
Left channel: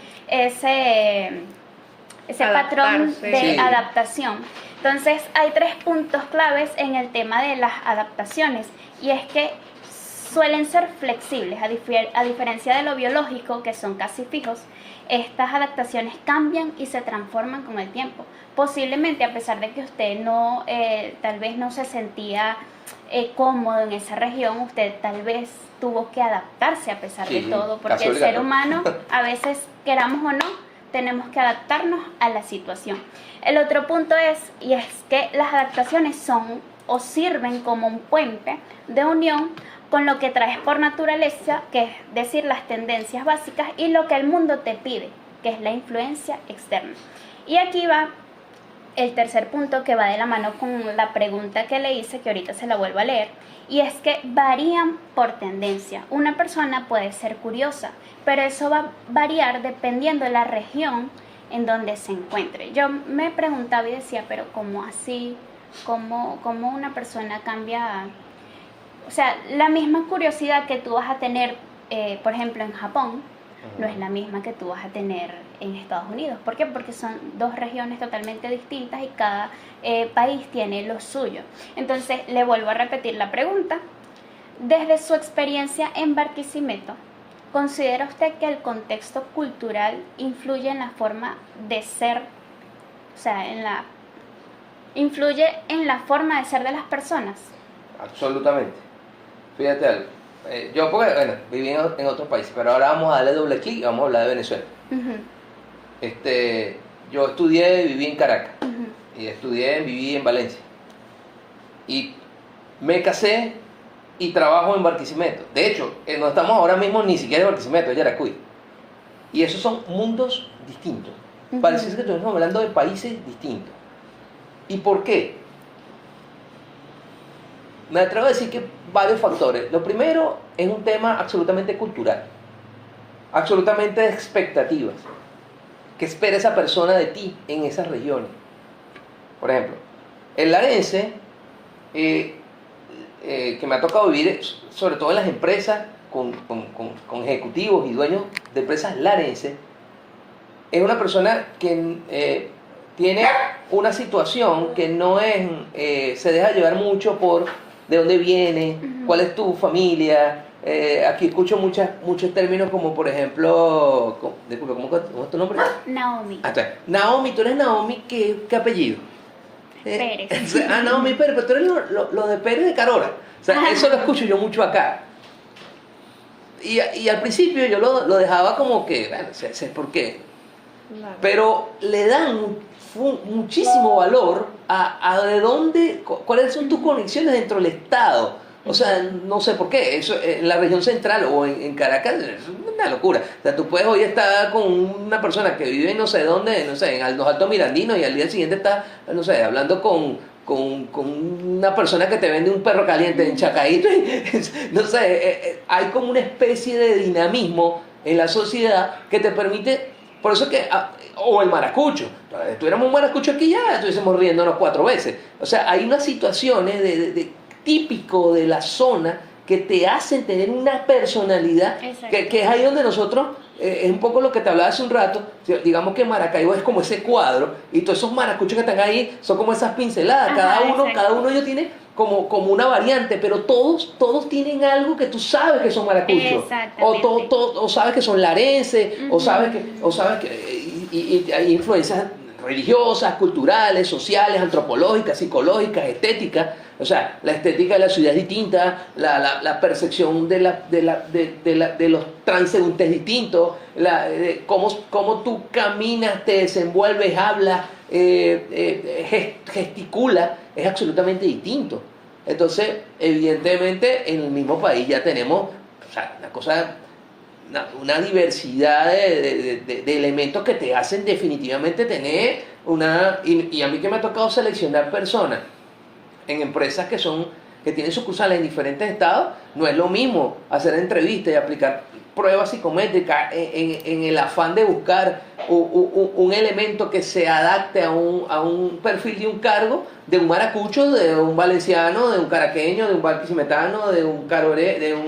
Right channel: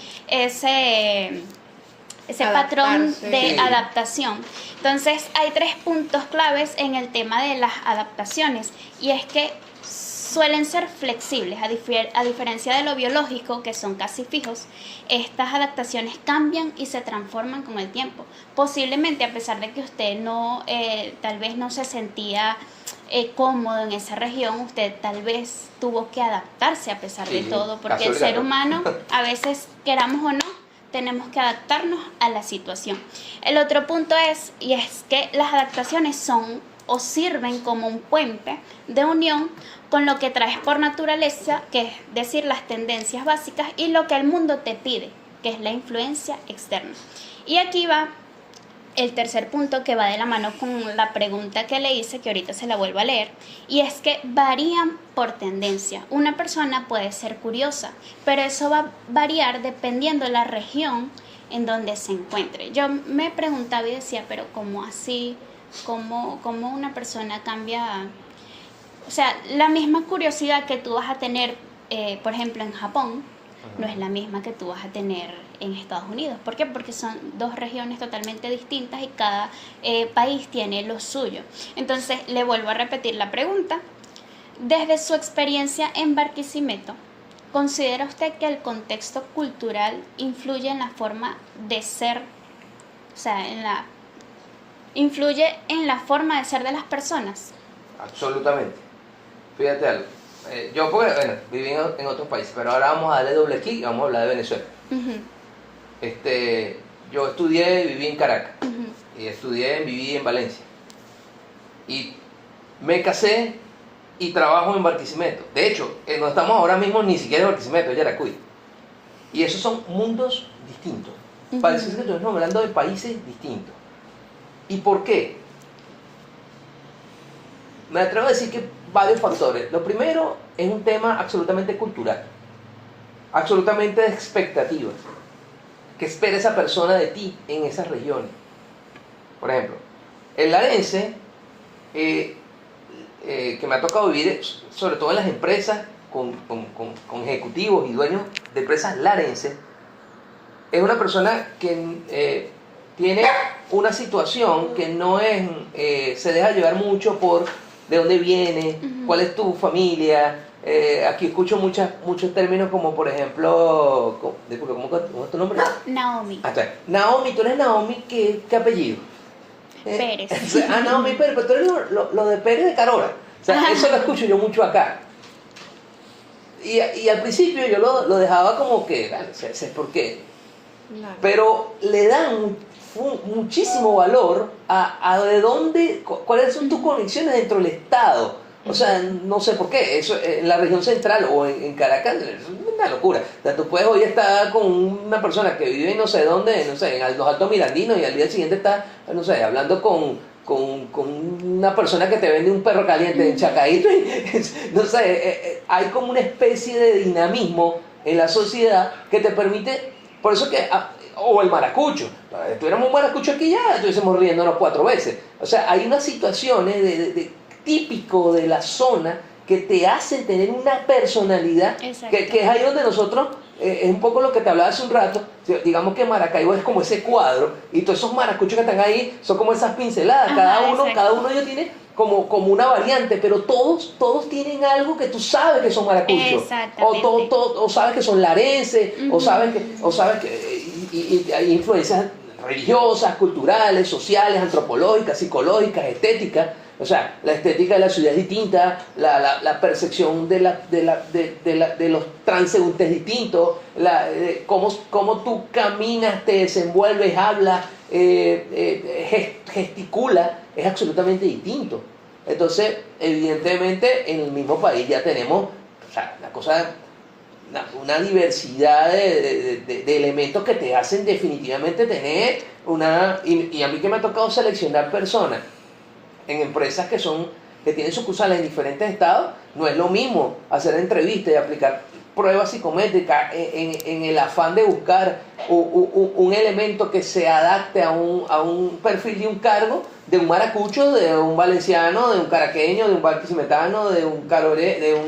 patrón de adaptación. Entonces hay 3 puntos claves en el tema de las adaptaciones, y es que suelen ser flexibles, a diferencia de lo biológico, que son casi fijos. Estas adaptaciones cambian y se transforman con el tiempo. Posiblemente, a pesar de que usted tal vez no se sentía cómodo en esa región, usted tal vez tuvo que adaptarse a pesar de todo, porque el ser humano, a veces queramos o no, tenemos que adaptarnos a la situación. El otro punto es que las adaptaciones son o sirven como un puente de unión con lo que traes por naturaleza, que es decir, las tendencias básicas, y lo que el mundo te pide, que es la influencia externa. Y aquí va el tercer punto, que va de la mano con la pregunta que le hice, que ahorita se la vuelvo a leer, y es que varían por tendencia. Una persona puede ser curiosa, pero eso va a variar dependiendo de la región en donde se encuentre. Yo me preguntaba y decía, pero ¿cómo así? ¿Cómo una persona cambia? O sea, la misma curiosidad que tú vas a tener, por ejemplo, en Japón, no es la misma que tú vas a tener en Estados Unidos. ¿Por qué? Porque son 2 regiones totalmente distintas y cada país tiene lo suyo. Entonces, le vuelvo a repetir la pregunta. Desde su experiencia en Barquisimeto, ¿considera usted que el contexto cultural influye en la forma de ser, o sea, influye en la forma de ser de las personas? Absolutamente. Fíjate algo. Yo, porque, viví en otros países, pero ahora vamos a darle doble clic y vamos a hablar de Venezuela. Yo estudié y viví en Caracas. Y viví en Valencia. Y me casé y trabajo en Barquisimeto. De hecho, no estamos ahora mismo ni siquiera en Barquisimeto, es Yaracuy. Y esos son mundos distintos. Parece que estamos hablando de países distintos. ¿Y por qué? Me atrevo a decir que varios factores. Lo primero es un tema absolutamente cultural. absolutamente de expectativas. ¿Qué espera esa persona de ti en esas regiones? Por ejemplo, el larense, que me ha tocado vivir, sobre todo en las empresas, con ejecutivos y dueños de empresas larenses, es una persona que tiene una situación que no es, se deja llevar mucho por de dónde viene, cuál es tu familia. Aquí escucho muchos términos como, por ejemplo, disculpe, ¿cómo es tu nombre? Naomi. Naomi, tú eres Naomi, ¿qué apellido? Pérez. Naomi Pérez, pero tú eres lo de Pérez de Carora. O sea, eso lo escucho yo mucho acá. Y al principio yo lo dejaba como que, bueno, sé por qué. Claro. Pero le dan muchísimo valor a de dónde, cuáles son tus conexiones dentro del Estado. O sea, no sé por qué, eso en la región central o en Caracas es una locura. O sea, tú puedes hoy estar con una persona que vive no sé dónde, no sé, en los Altos Mirandinos, y al día siguiente está, no sé, hablando con una persona que te vende un perro caliente en Chacaíto. No sé, hay como una especie de dinamismo en la sociedad que te permite, por eso que, o el maracucho, si tuviéramos un maracucho aquí ya estuviésemos riéndonos 4 veces. O sea, hay unas situaciones de típico de la zona que te hacen tener una personalidad que es ahí donde nosotros, es un poco lo que te hablaba hace un rato, digamos que Maracaibo es como ese cuadro y todos esos maracuchos que están ahí son como esas pinceladas. Cada uno de ellos tiene como una variante, pero todos tienen algo que tú sabes que son maracuchos, o sabes que son larenses, o sabes que y hay influencias religiosas, culturales, sociales, antropológicas, psicológicas, estéticas. O sea, la estética de la ciudad es distinta, la percepción de los transeúntes es distinto, cómo tú caminas, te desenvuelves, hablas, gesticulas, es absolutamente distinto. Entonces, evidentemente, en el mismo país ya tenemos, o sea, una diversidad de elementos que te hacen definitivamente tener y a mí que me ha tocado seleccionar personas en empresas que tienen sucursales en diferentes estados, no es lo mismo hacer entrevistas y aplicar pruebas psicométricas en el afán de buscar un elemento que se adapte a un perfil de un cargo, de un maracucho, de un valenciano, de un caraqueño, de un barquisimetano, de un caroreño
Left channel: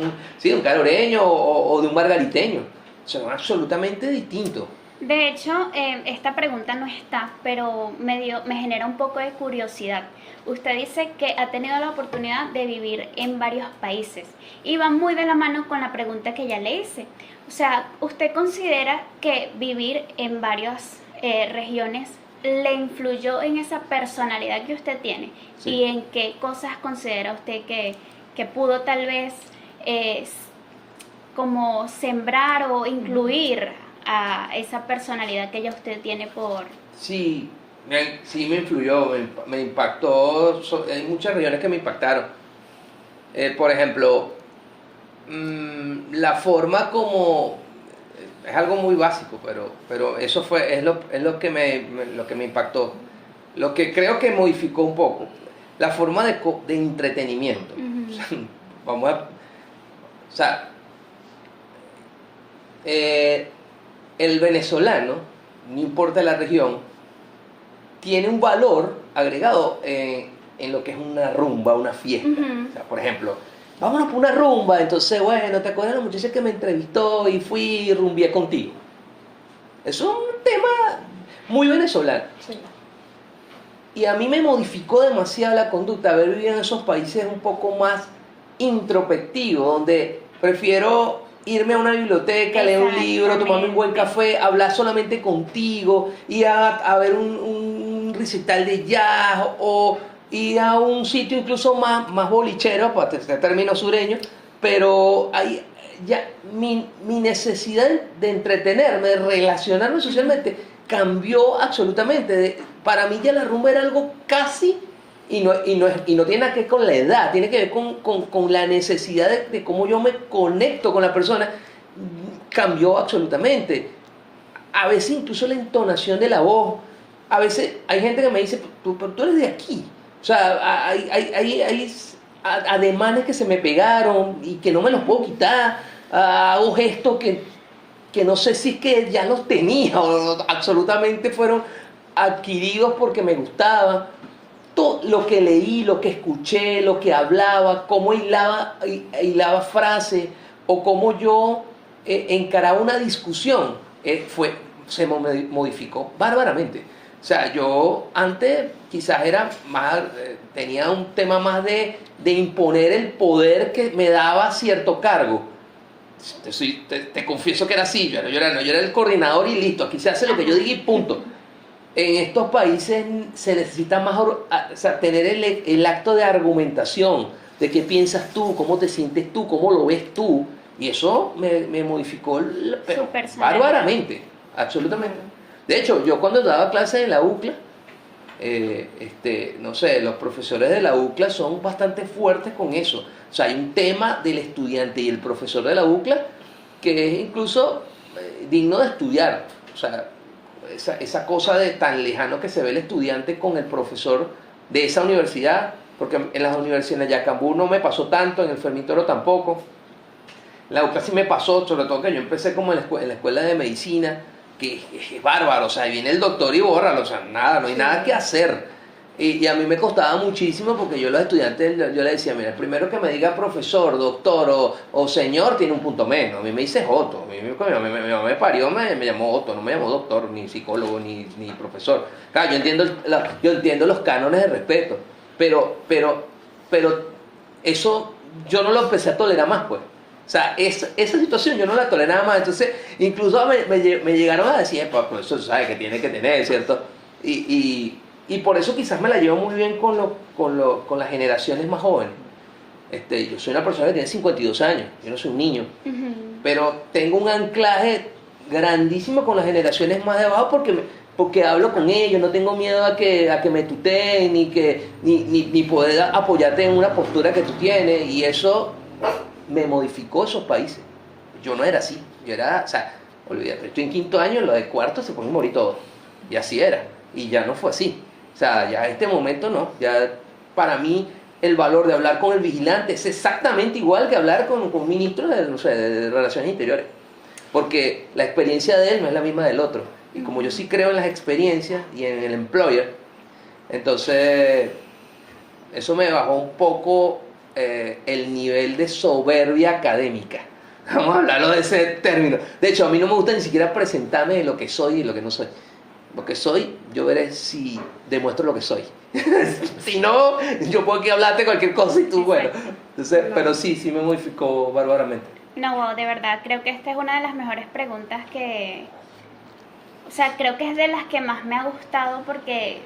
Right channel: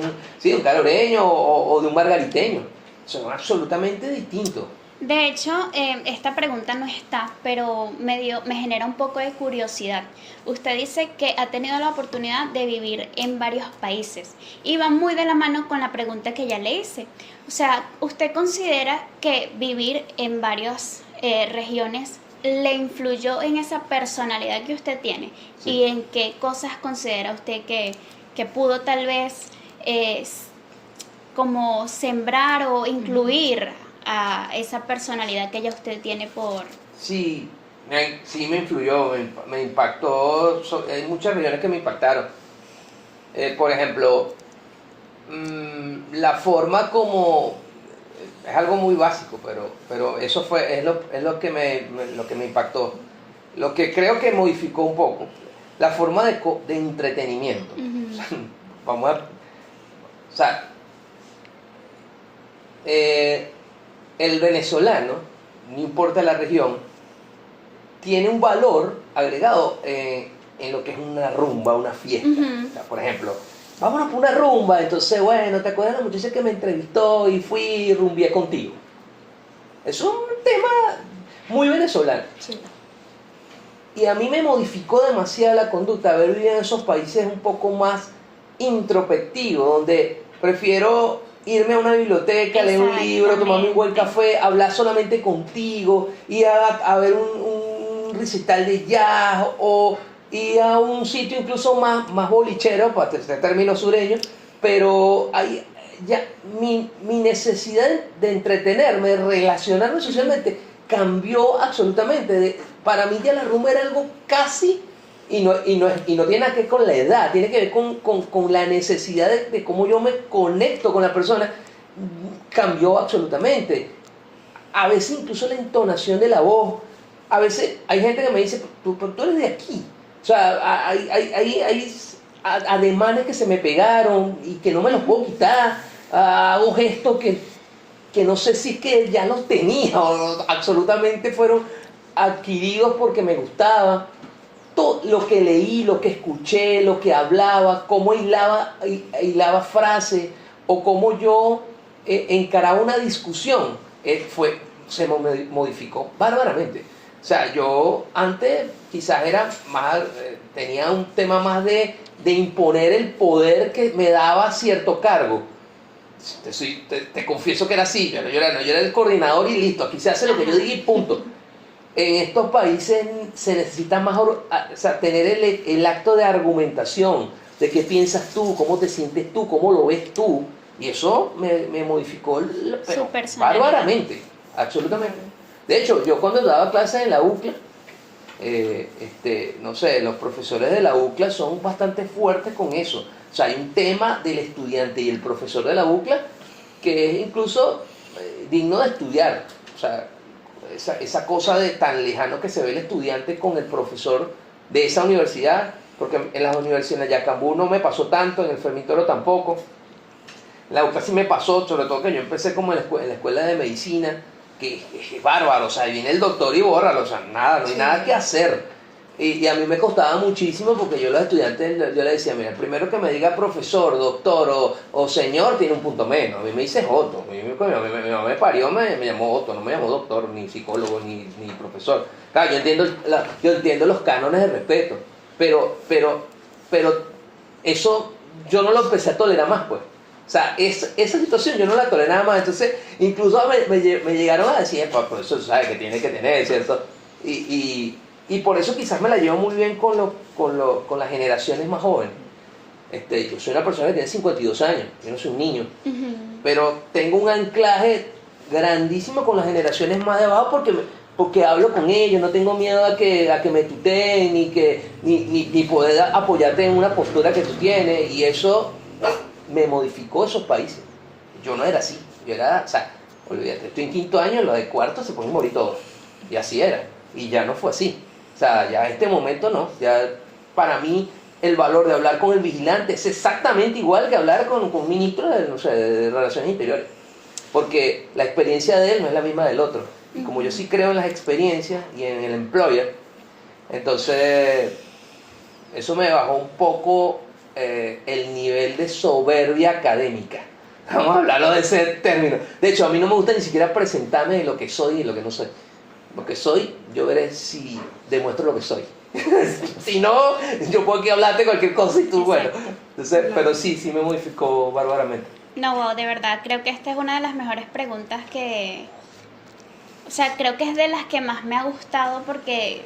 o de un margariteño. Son absolutamente distintos. De hecho, esta pregunta no está, pero me genera un poco de curiosidad. Usted dice que ha tenido la oportunidad de vivir en varios países y va muy de la mano con la pregunta que ya le hice. O sea, ¿usted considera que vivir en varias regiones le influyó en esa personalidad que usted tiene? Sí. ¿Y en qué cosas considera usted que pudo tal vez como sembrar o incluir a esa personalidad que ya usted tiene por... Sí, me influyó, me impactó. Hay muchas regiones que me impactaron. Por ejemplo, la forma como... Es algo muy básico, pero eso es lo que me impactó. Lo que creo que modificó un poco, la forma de entretenimiento. Vamos a... O sea... el venezolano, no importa la región, tiene un valor agregado en lo que es una rumba, una fiesta. O sea, por ejemplo, vámonos por una rumba, entonces, bueno, ¿te acuerdas de la muchacha que me entrevistó y fui y rumbié contigo? Es un tema muy venezolano. Sí. Y a mí me modificó demasiado la conducta haber vivido en esos países un poco más introspectivos, donde prefiero irme a una biblioteca, leer un libro, tomarme un buen café, hablar solamente contigo, ir a ver un recital de jazz o ir a un sitio incluso más bolichero, para este término sureño, pero hay ya mi necesidad de entretenerme, de relacionarme socialmente, cambió absolutamente. Para mí ya la rumba era algo casi... Y no tiene nada que ver con la edad, tiene que ver con la necesidad de cómo yo me conecto con la persona. Cambió absolutamente. A veces incluso la entonación de la voz. A veces hay gente que me dice, tú eres de aquí. O sea, hay ademanes que se me pegaron y que no me los puedo quitar. Hago gestos que que no sé si es que ya los tenía o absolutamente fueron adquiridos porque me gustaba. Todo lo que leí, lo que escuché, lo que hablaba, cómo hilaba frases o cómo yo encaraba una discusión, se modificó bárbaramente. O sea, yo antes quizás era más, tenía un tema más de imponer el poder que me daba cierto cargo. Te confieso que era así, yo era el coordinador y listo, aquí se hace lo que yo diga y punto. En estos países se necesita más, o sea, tener el acto de argumentación, de qué piensas tú, cómo te sientes tú, cómo lo ves tú, y eso me modificó bárbaramente, absolutamente. De hecho, yo cuando daba clases en la UCLA, no sé, los profesores de la UCLA son bastante fuertes con eso. O sea, hay un tema del estudiante y el profesor de la UCLA que es incluso digno de estudiar. O sea, esa cosa de tan lejano que se ve el estudiante con el profesor de esa universidad, porque en las universidades, en Yacambú no me pasó tanto, en el Fermitoro tampoco. En la UCLA sí me pasó, sobre todo que yo empecé como en la escuela de medicina, que es bárbaro, o sea, viene el doctor y bórralo, o sea, nada, no hay nada que hacer. Y a mí me costaba muchísimo porque yo a los estudiantes, yo les decía, mira, el primero que me diga profesor, doctor o señor tiene un punto menos. A mí me dice Otto, mi mamá me parió, me llamó Otto, no me llamó doctor, ni psicólogo, ni profesor. Claro, yo entiendo los cánones de respeto, pero eso yo no lo empecé a tolerar más, pues. O sea, esa situación yo no la toleraba más. Entonces, incluso me llegaron a decir, pues eso sabe que tiene que tener, ¿cierto? Y por eso quizás me la llevo muy bien con las generaciones más jóvenes. Yo soy una persona que tiene 52 años, yo no soy un niño, pero tengo un anclaje grandísimo con las generaciones más de abajo porque hablo con ellos, no tengo miedo a que me tuteen, ni poder apoyarte en una postura que tú tienes, y eso me modificó esos países. Yo no era así, yo era, o sea, olvídate, estoy en quinto año, lo de cuarto se pueden morir todos, y así era, y ya no fue así. O sea, ya en este momento no, ya para mí el valor de hablar con el vigilante es exactamente igual que hablar con un ministro de Relaciones Interiores, porque la experiencia de él no es la misma del otro, y como yo sí creo en las experiencias y en el employer, entonces eso me bajó un poco el nivel de soberbia académica. Vamos a hablarlo de ese término. De hecho, a mí no me gusta ni siquiera presentarme de lo que soy y lo que no soy. Lo que soy, yo veré si demuestro lo que soy. Si no, yo puedo aquí hablarte cualquier cosa y tú, bueno. Entonces, pero sí me modificó bárbaramente. No, de verdad, creo que esta es una de las mejores preguntas que... O sea, creo que es de las que más me ha gustado porque,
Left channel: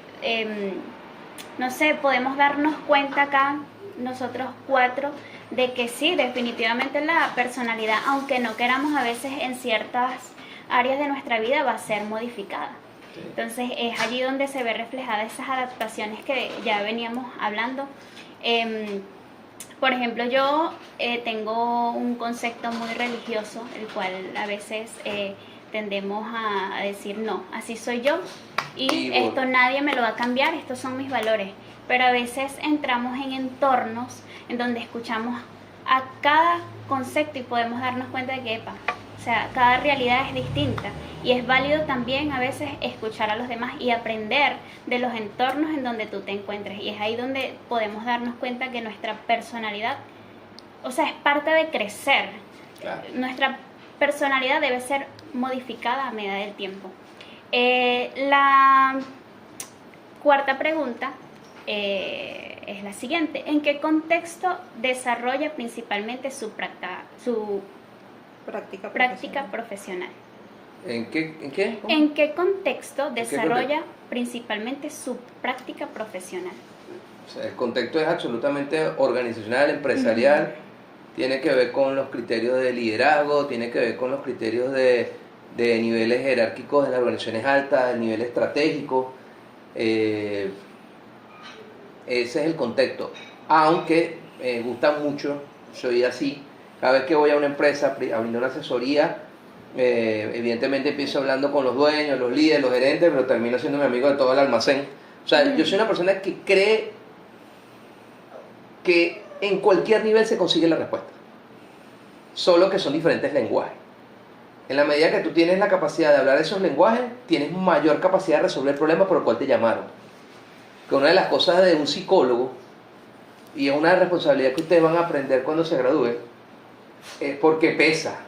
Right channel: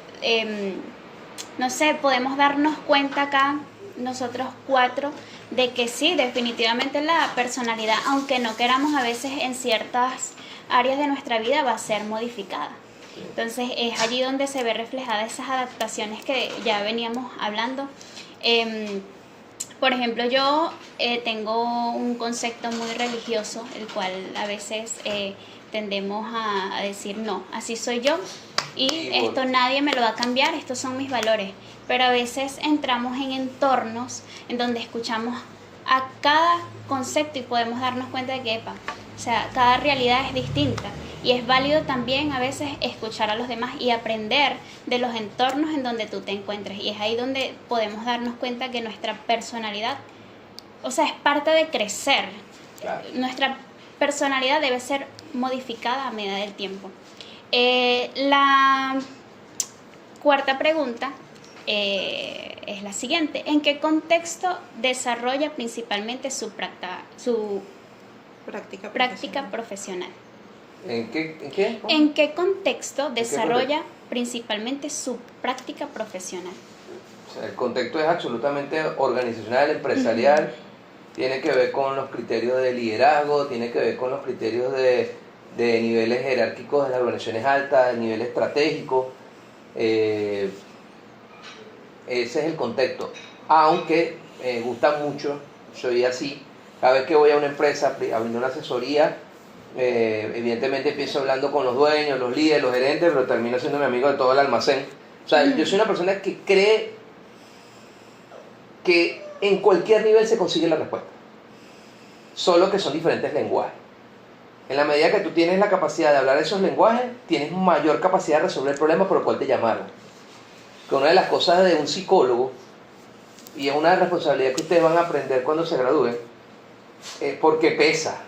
no sé, podemos darnos cuenta acá, nosotros cuatro, de que sí, definitivamente la personalidad, aunque no queramos a veces en ciertas áreas de nuestra vida, va a ser modificada. Entonces es allí donde se ve reflejada esas adaptaciones que ya veníamos hablando. Por ejemplo, yo tengo un concepto muy religioso, el cual a veces tendemos a decir, no, así soy yo y esto nadie me lo va a cambiar, estos son mis valores. Pero a veces entramos en entornos en donde escuchamos a cada concepto y podemos darnos cuenta de que, o sea, cada realidad es distinta. Y es válido también a veces escuchar a los demás y aprender de los entornos en donde tú te encuentres. Y es ahí donde podemos darnos cuenta que nuestra personalidad, o sea, es parte de crecer. Claro. Nuestra personalidad debe ser modificada a medida del tiempo. La cuarta pregunta es la siguiente. ¿En qué contexto desarrolla principalmente su práctica profesional? ¿En qué? ¿En qué contexto desarrolla principalmente su práctica profesional? O sea, el contexto es absolutamente organizacional, empresarial, tiene que ver con los criterios de liderazgo, tiene que ver con los criterios de niveles jerárquicos de las organizaciones altas, el nivel estratégico. Ese es el contexto. Aunque me gusta mucho, soy así, cada vez que voy a una empresa a brindar una asesoría, evidentemente empiezo hablando con los dueños, los líderes, los gerentes, pero termino siendo mi amigo de todo el almacén. O sea, yo soy una persona que cree que en cualquier nivel se consigue la respuesta, solo que son diferentes lenguajes. En la medida que tú tienes la capacidad de hablar esos lenguajes, tienes mayor capacidad de resolver el problema por el cual te llamaron. Que una de las cosas de un psicólogo, y es una responsabilidad que ustedes van a aprender cuando se gradúen, es porque pesa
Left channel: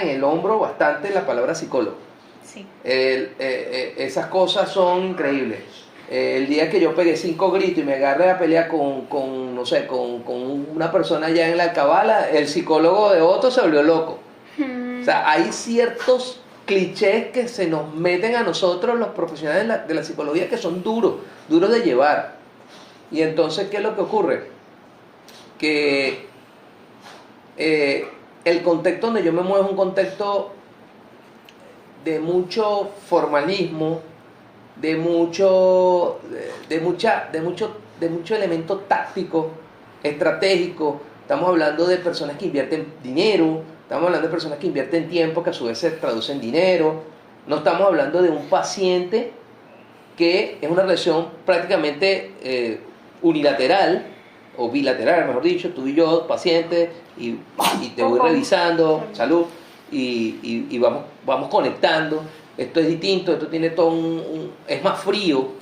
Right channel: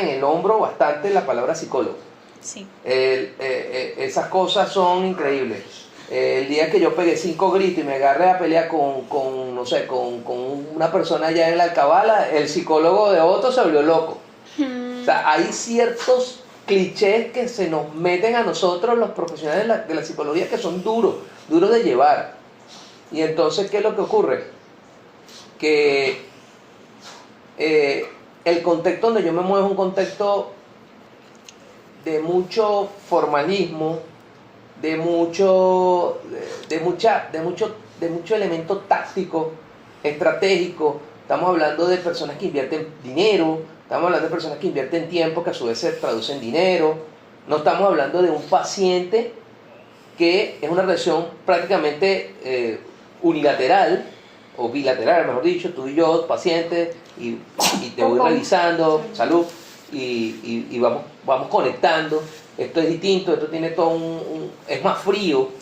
en el hombro bastante la palabra psicólogo. Sí. Esas cosas son increíbles. El día que yo pegué 5 gritos y me agarré a pelear con no sé, con una persona allá en la Alcabala, el psicólogo de otro se volvió loco. O sea, hay ciertos clichés que se nos meten a nosotros los profesionales de la psicología que son duros de llevar. Y entonces, ¿qué es lo que ocurre? Que el contexto donde yo me muevo es un contexto de mucho formalismo, de mucho elemento táctico, estratégico. Estamos hablando de personas que invierten dinero, estamos hablando de personas que invierten tiempo, que a su vez se traduce en dinero. No estamos hablando de un paciente que es una relación prácticamente unilateral, o bilateral, mejor dicho, tú y yo, paciente, y te voy revisando, salud, y vamos conectando. Esto es distinto, esto tiene todo es más frío,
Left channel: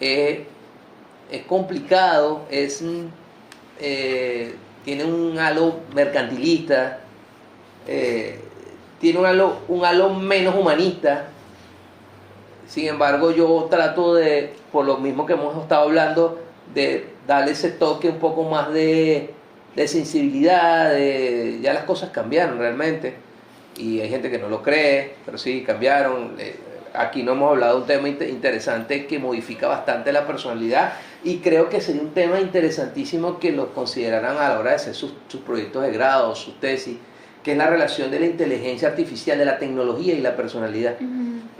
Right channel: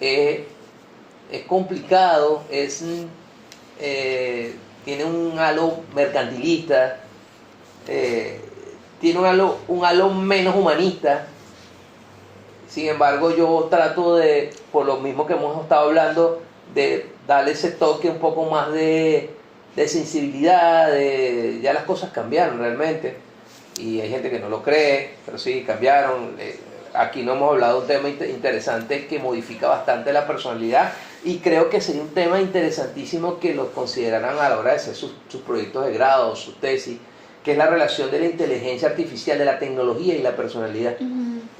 es complicado, tiene un halo mercantilista, tiene un halo menos humanista. Sin embargo, yo trato de, por lo mismo que hemos estado hablando, de darle ese toque un poco más de sensibilidad, ya las cosas cambiaron realmente, y hay gente que no lo cree, pero sí, cambiaron. Aquí no hemos hablado de un tema interesante que modifica bastante la personalidad, y creo que sería un tema interesantísimo que lo consideraran a la hora de hacer sus proyectos de grado, sus tesis, que es la relación de la inteligencia artificial, de la tecnología y la personalidad.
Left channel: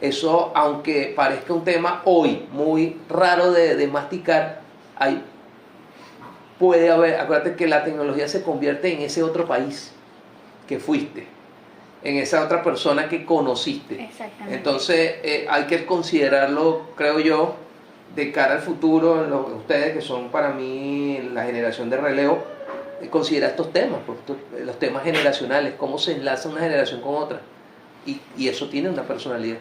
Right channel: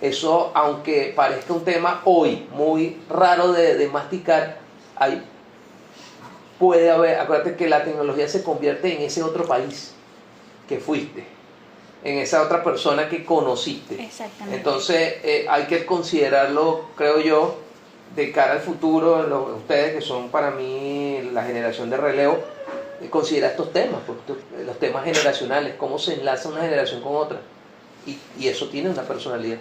Eso, aunque parezca un tema hoy muy raro de masticar, puede haber, acuérdate que la tecnología se convierte en ese otro país que fuiste, en esa otra persona que conociste. Exactamente. Entonces hay que considerarlo, creo yo, de cara al futuro. Ustedes que son para mí la generación de relevo, considera estos temas, los temas generacionales, cómo se enlaza una generación con otra, y eso tiene una personalidad.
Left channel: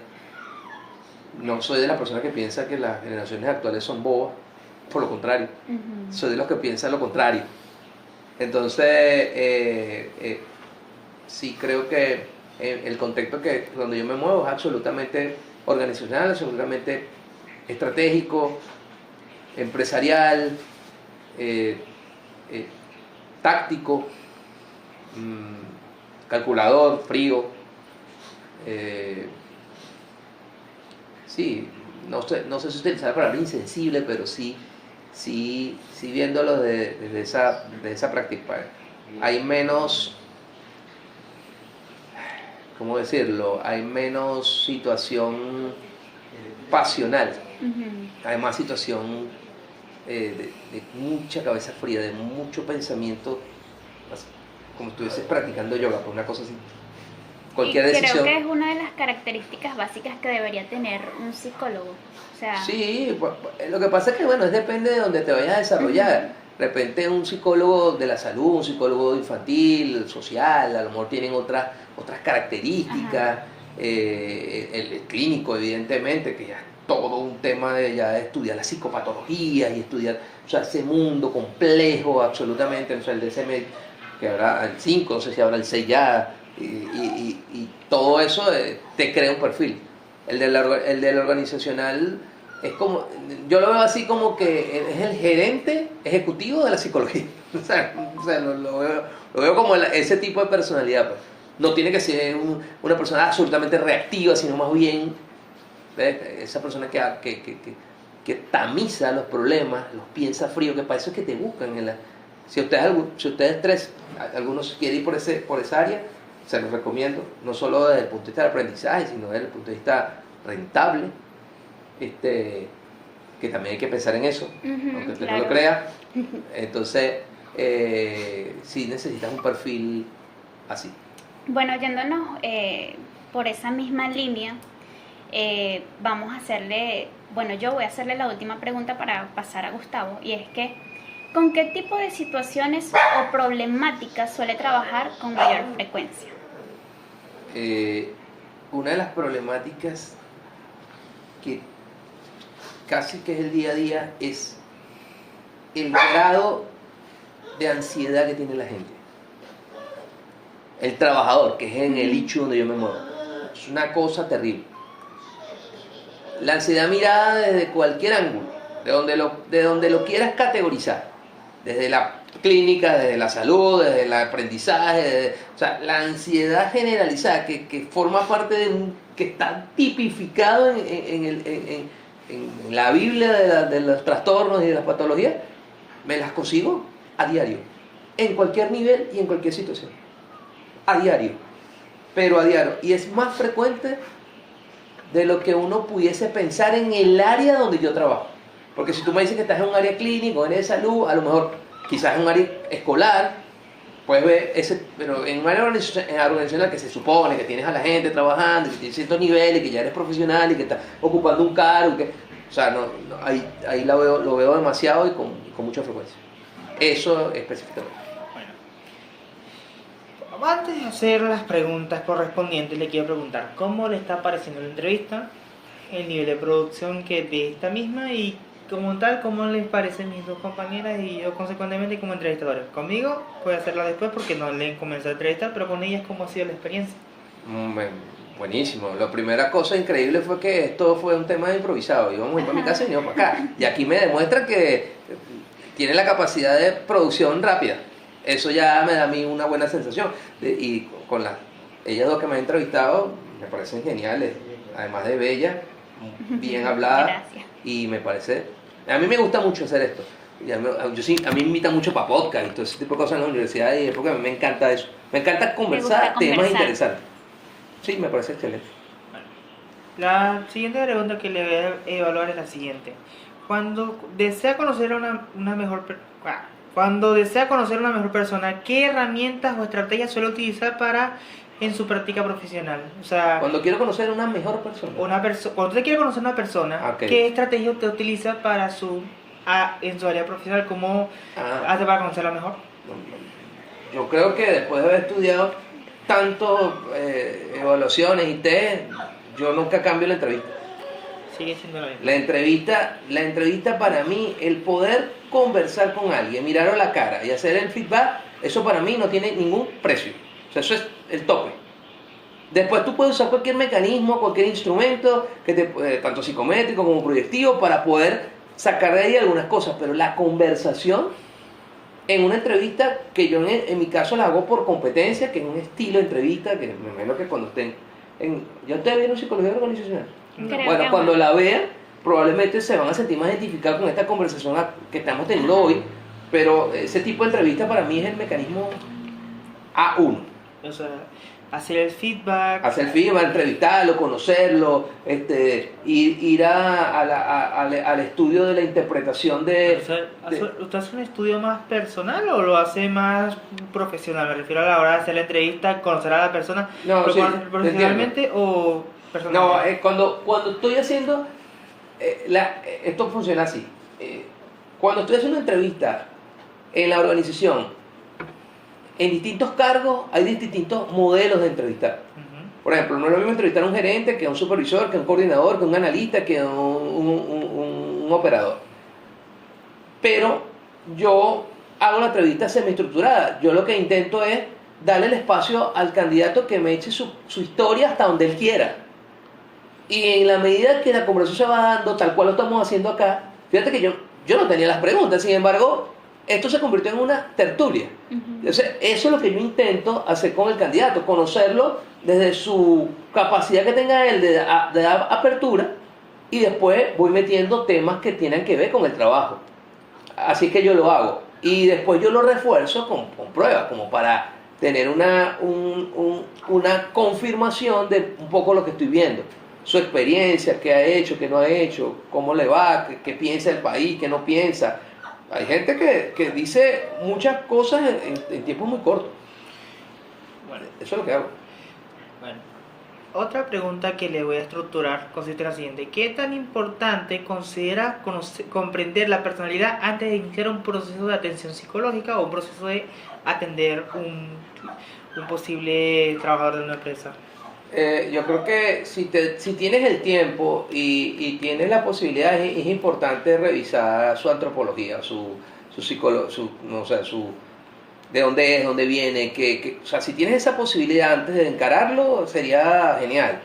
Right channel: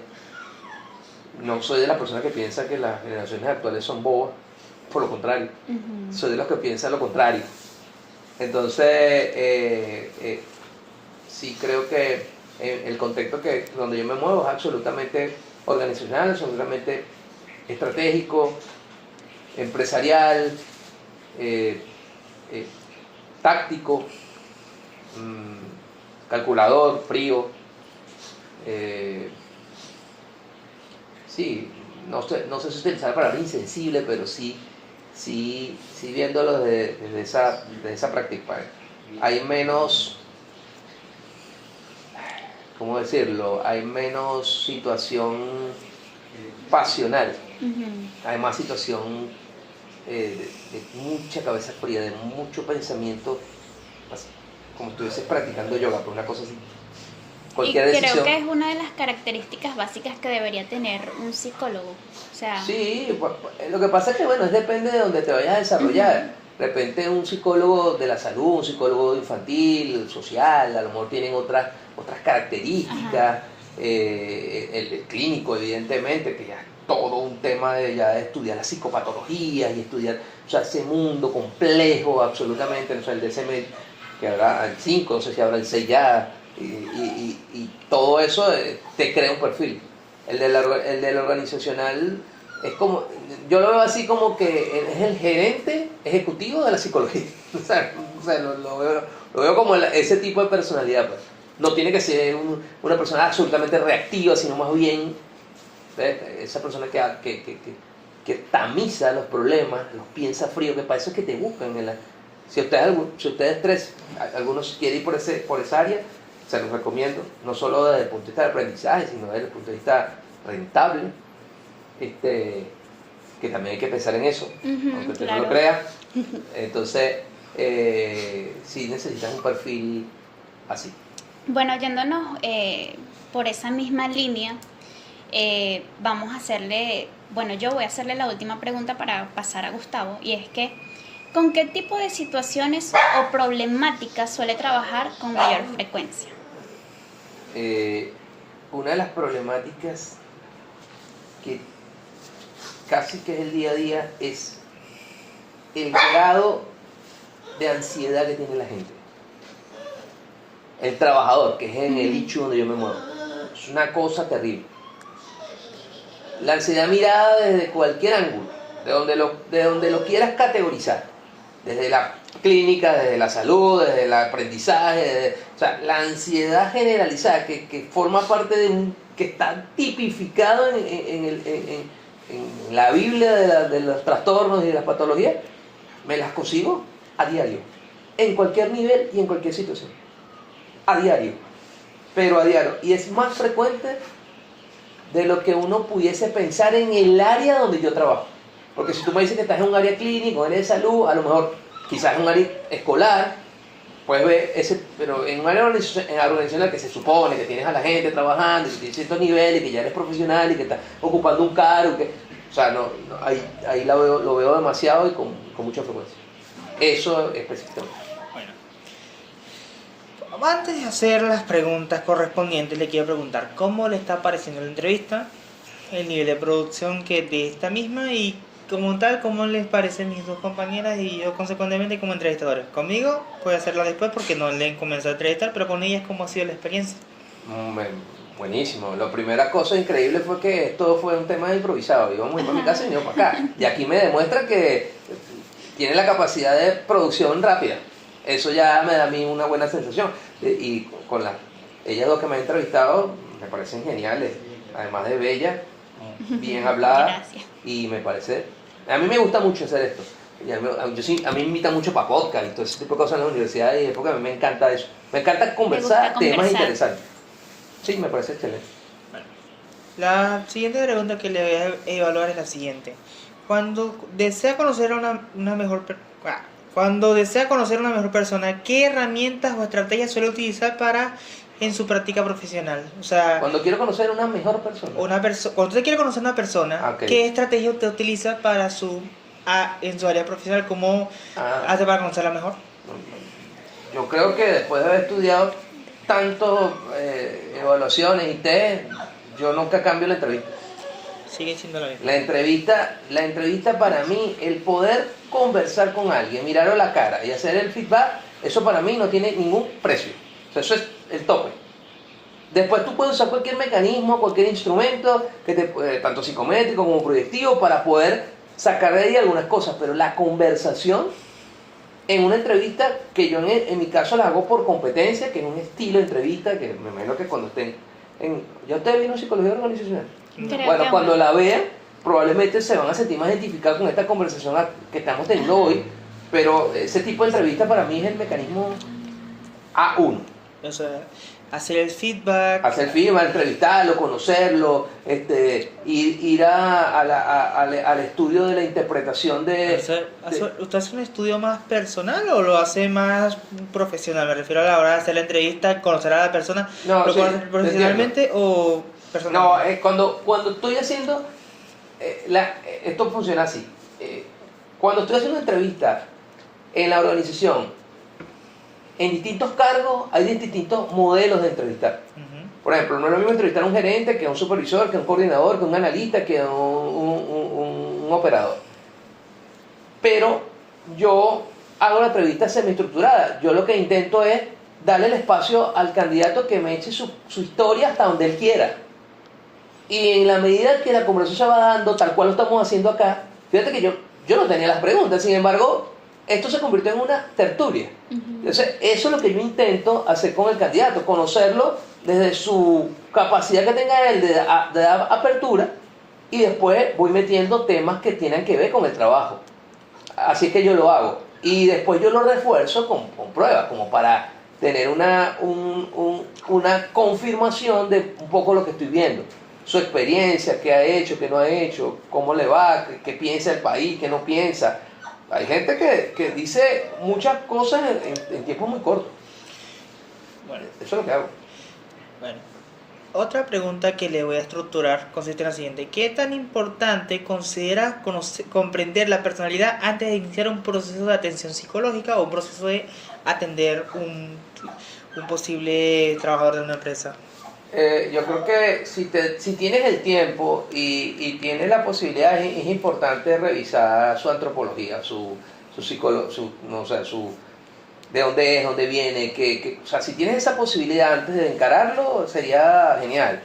No soy de la persona que piensa que las generaciones actuales son bobas, por lo contrario, soy de los que piensan lo contrario. Entonces, sí creo que el contexto donde yo me muevo es absolutamente organizacional, absolutamente estratégico, empresarial, táctico, calculador, frío. Sí, no sé si utilizar la palabra insensible, pero sí viéndolo desde esa práctica. Hay menos, ¿cómo decirlo? Hay menos situación pasional, hay más situación de mucha cabeza fría, de mucho pensamiento, como si estuvieses practicando yoga, por una cosa así. Cualquier y creo decisión. que es una de las características básicas que debería tener un psicólogo. O sea, Sí, lo que pasa es que, bueno, depende de donde te vayas a desarrollar. De repente un psicólogo de la salud, un psicólogo infantil, social, a lo mejor tienen otras características. El clínico, evidentemente, que ya es todo un tema de estudiar la psicopatología y estudiar, o sea, ese mundo complejo absolutamente. O sea, el DSM, que habrá el 5, no sé si habrá el 6 ya, y todo eso te crea un perfil. El del organizacional es como, yo lo veo así como que es el gerente ejecutivo de la psicología. O sea, lo veo como ese tipo de personalidad, pues. No tiene que ser una persona absolutamente reactiva, sino más bien esa persona que tamiza los problemas, los piensa frío, que para eso es que te buscan. Si ustedes tres, algunos quieren ir por esa área, se los recomiendo, no solo desde el punto de vista del aprendizaje, sino desde el punto de vista rentable, que también hay que pensar en eso, aunque usted no lo crea. Entonces, sí necesitas un perfil así. Bueno, yéndonos por esa misma línea, vamos a hacerle, bueno, yo voy a hacerle la última pregunta para pasar a Gustavo, y es que, ¿con qué tipo de situaciones o problemáticas suele trabajar con mayor frecuencia? una de las problemáticas que casi que es el día a día es el grado de ansiedad que tiene la gente. El trabajador, que es en el nicho donde yo me muevo. Es una cosa terrible. La ansiedad mirada desde cualquier ángulo, de donde lo quieras categorizar. Desde la clínica, desde la salud, desde el aprendizaje, o sea, la ansiedad generalizada que forma parte que está tipificado en la Biblia de los trastornos y de las patologías, me las consigo a diario, en cualquier nivel y en cualquier situación, a diario, pero a diario, y es más frecuente de lo que uno pudiese pensar en el área donde yo trabajo. Porque si tú me dices que estás en un área clínica, en área de salud, a lo mejor quizás en un área escolar, puedes ver ese, pero en un área organizacional que se supone que tienes a la gente trabajando, que tienes ciertos niveles, que ya eres profesional y que estás ocupando un cargo, o sea, ahí lo veo demasiado y con mucha frecuencia. Eso específicamente. Bueno, antes de hacer las preguntas correspondientes, le quiero preguntar cómo le está pareciendo la entrevista, el nivel de producción que de esta misma y como tal, cómo les parecen mis dos compañeras y yo consecuentemente como entrevistadores. Conmigo puede hacerlo después porque no le he comenzado a entrevistar, pero con ellas, ¿cómo ha sido la experiencia? Buenísimo. La primera cosa increíble fue que esto fue un tema improvisado. Íbamos a ir para mi casa y íbamos para acá. Y aquí me demuestra que tiene la capacidad de producción rápida. Eso ya me da a mí una buena sensación. Y con ellas dos que me han entrevistado, me parecen geniales. Además de bellas, bien habladas. Gracias. Y me parece... A mí me gusta mucho hacer esto. A mí me invitan mucho para podcast y todo ese tipo de cosas en la universidad y porque a mí me encanta eso. Me encanta conversar temas interesantes. Sí, me parece excelente. La siguiente pregunta que le voy a evaluar es la siguiente. Cuando desea conocer a una mejor persona, ¿qué herramientas o estrategias suele utilizar en su práctica profesional? O sea, cuando quiero conocer a una mejor persona. Cuando usted quiere conocer a una persona, okay. ¿Qué estrategia usted utiliza en su área profesional? ¿Cómo hace para conocerla mejor? Yo creo que después de haber estudiado tanto evaluaciones y test, yo nunca cambio la entrevista. Sigue siendo la misma. La entrevista para mí, el poder conversar con alguien, mirarlo a la cara y hacer el feedback, eso para mí no tiene ningún precio. O sea, eso es el tope. Después tú puedes usar cualquier mecanismo, cualquier instrumento, tanto psicométrico como proyectivo, para poder sacar de ahí algunas cosas, pero la conversación en una entrevista, que yo en mi caso la hago por competencia, que es un estilo de entrevista, que me imagino que cuando estén ¿ya ustedes vieron psicología organizacional? Bueno, cuando la vean, probablemente se van a sentir más identificados con esta conversación que estamos teniendo hoy, pero ese tipo de entrevista para mí es el mecanismo A1. O sea, hacer el feedback. Entrevistarlo, conocerlo, ir al estudio de la interpretación ¿Usted hace un estudio más personal o lo hace más profesional? Me refiero a la hora de hacer la entrevista, conocer a la persona. No, ¿Lo sí, conoce profesionalmente o personalmente? No, cuando estoy haciendo, esto funciona así. Cuando estoy haciendo una entrevista en la organización, en distintos cargos hay distintos modelos de entrevistar. Por ejemplo, no es lo mismo entrevistar a un gerente que a un supervisor, que a un coordinador, que a un analista, que a un operador. Pero yo hago una entrevista semiestructurada. Yo lo que intento es darle el espacio al candidato que me eche su historia hasta donde él quiera. Y en la medida que la conversación se va dando, tal cual lo estamos haciendo acá, fíjate que yo no tenía las preguntas, sin embargo, esto se convirtió en una tertulia. Entonces, eso es lo que yo intento hacer con el candidato, conocerlo desde su capacidad que tenga él de dar apertura, y después voy metiendo temas que tienen que ver con el trabajo. Así que yo lo hago. Y después yo lo refuerzo con pruebas, como para tener una confirmación de un poco lo que estoy viendo. Su experiencia, qué ha hecho, qué no ha hecho, cómo le va, qué piensa el país, qué no piensa. Hay gente que dice muchas cosas en tiempos muy cortos. Bueno, eso es lo que hago. Bueno, otra pregunta que le voy a estructurar consiste en la siguiente. ¿Qué tan importante considera comprender la personalidad antes de iniciar un proceso de atención psicológica o un proceso de atender un posible trabajador de una empresa? Yo creo que si tienes el tiempo y tienes la posibilidad, es importante revisar su antropología, su psicolo, no, o sea, de dónde es, dónde viene, o sea, si tienes esa posibilidad antes de encararlo, sería genial.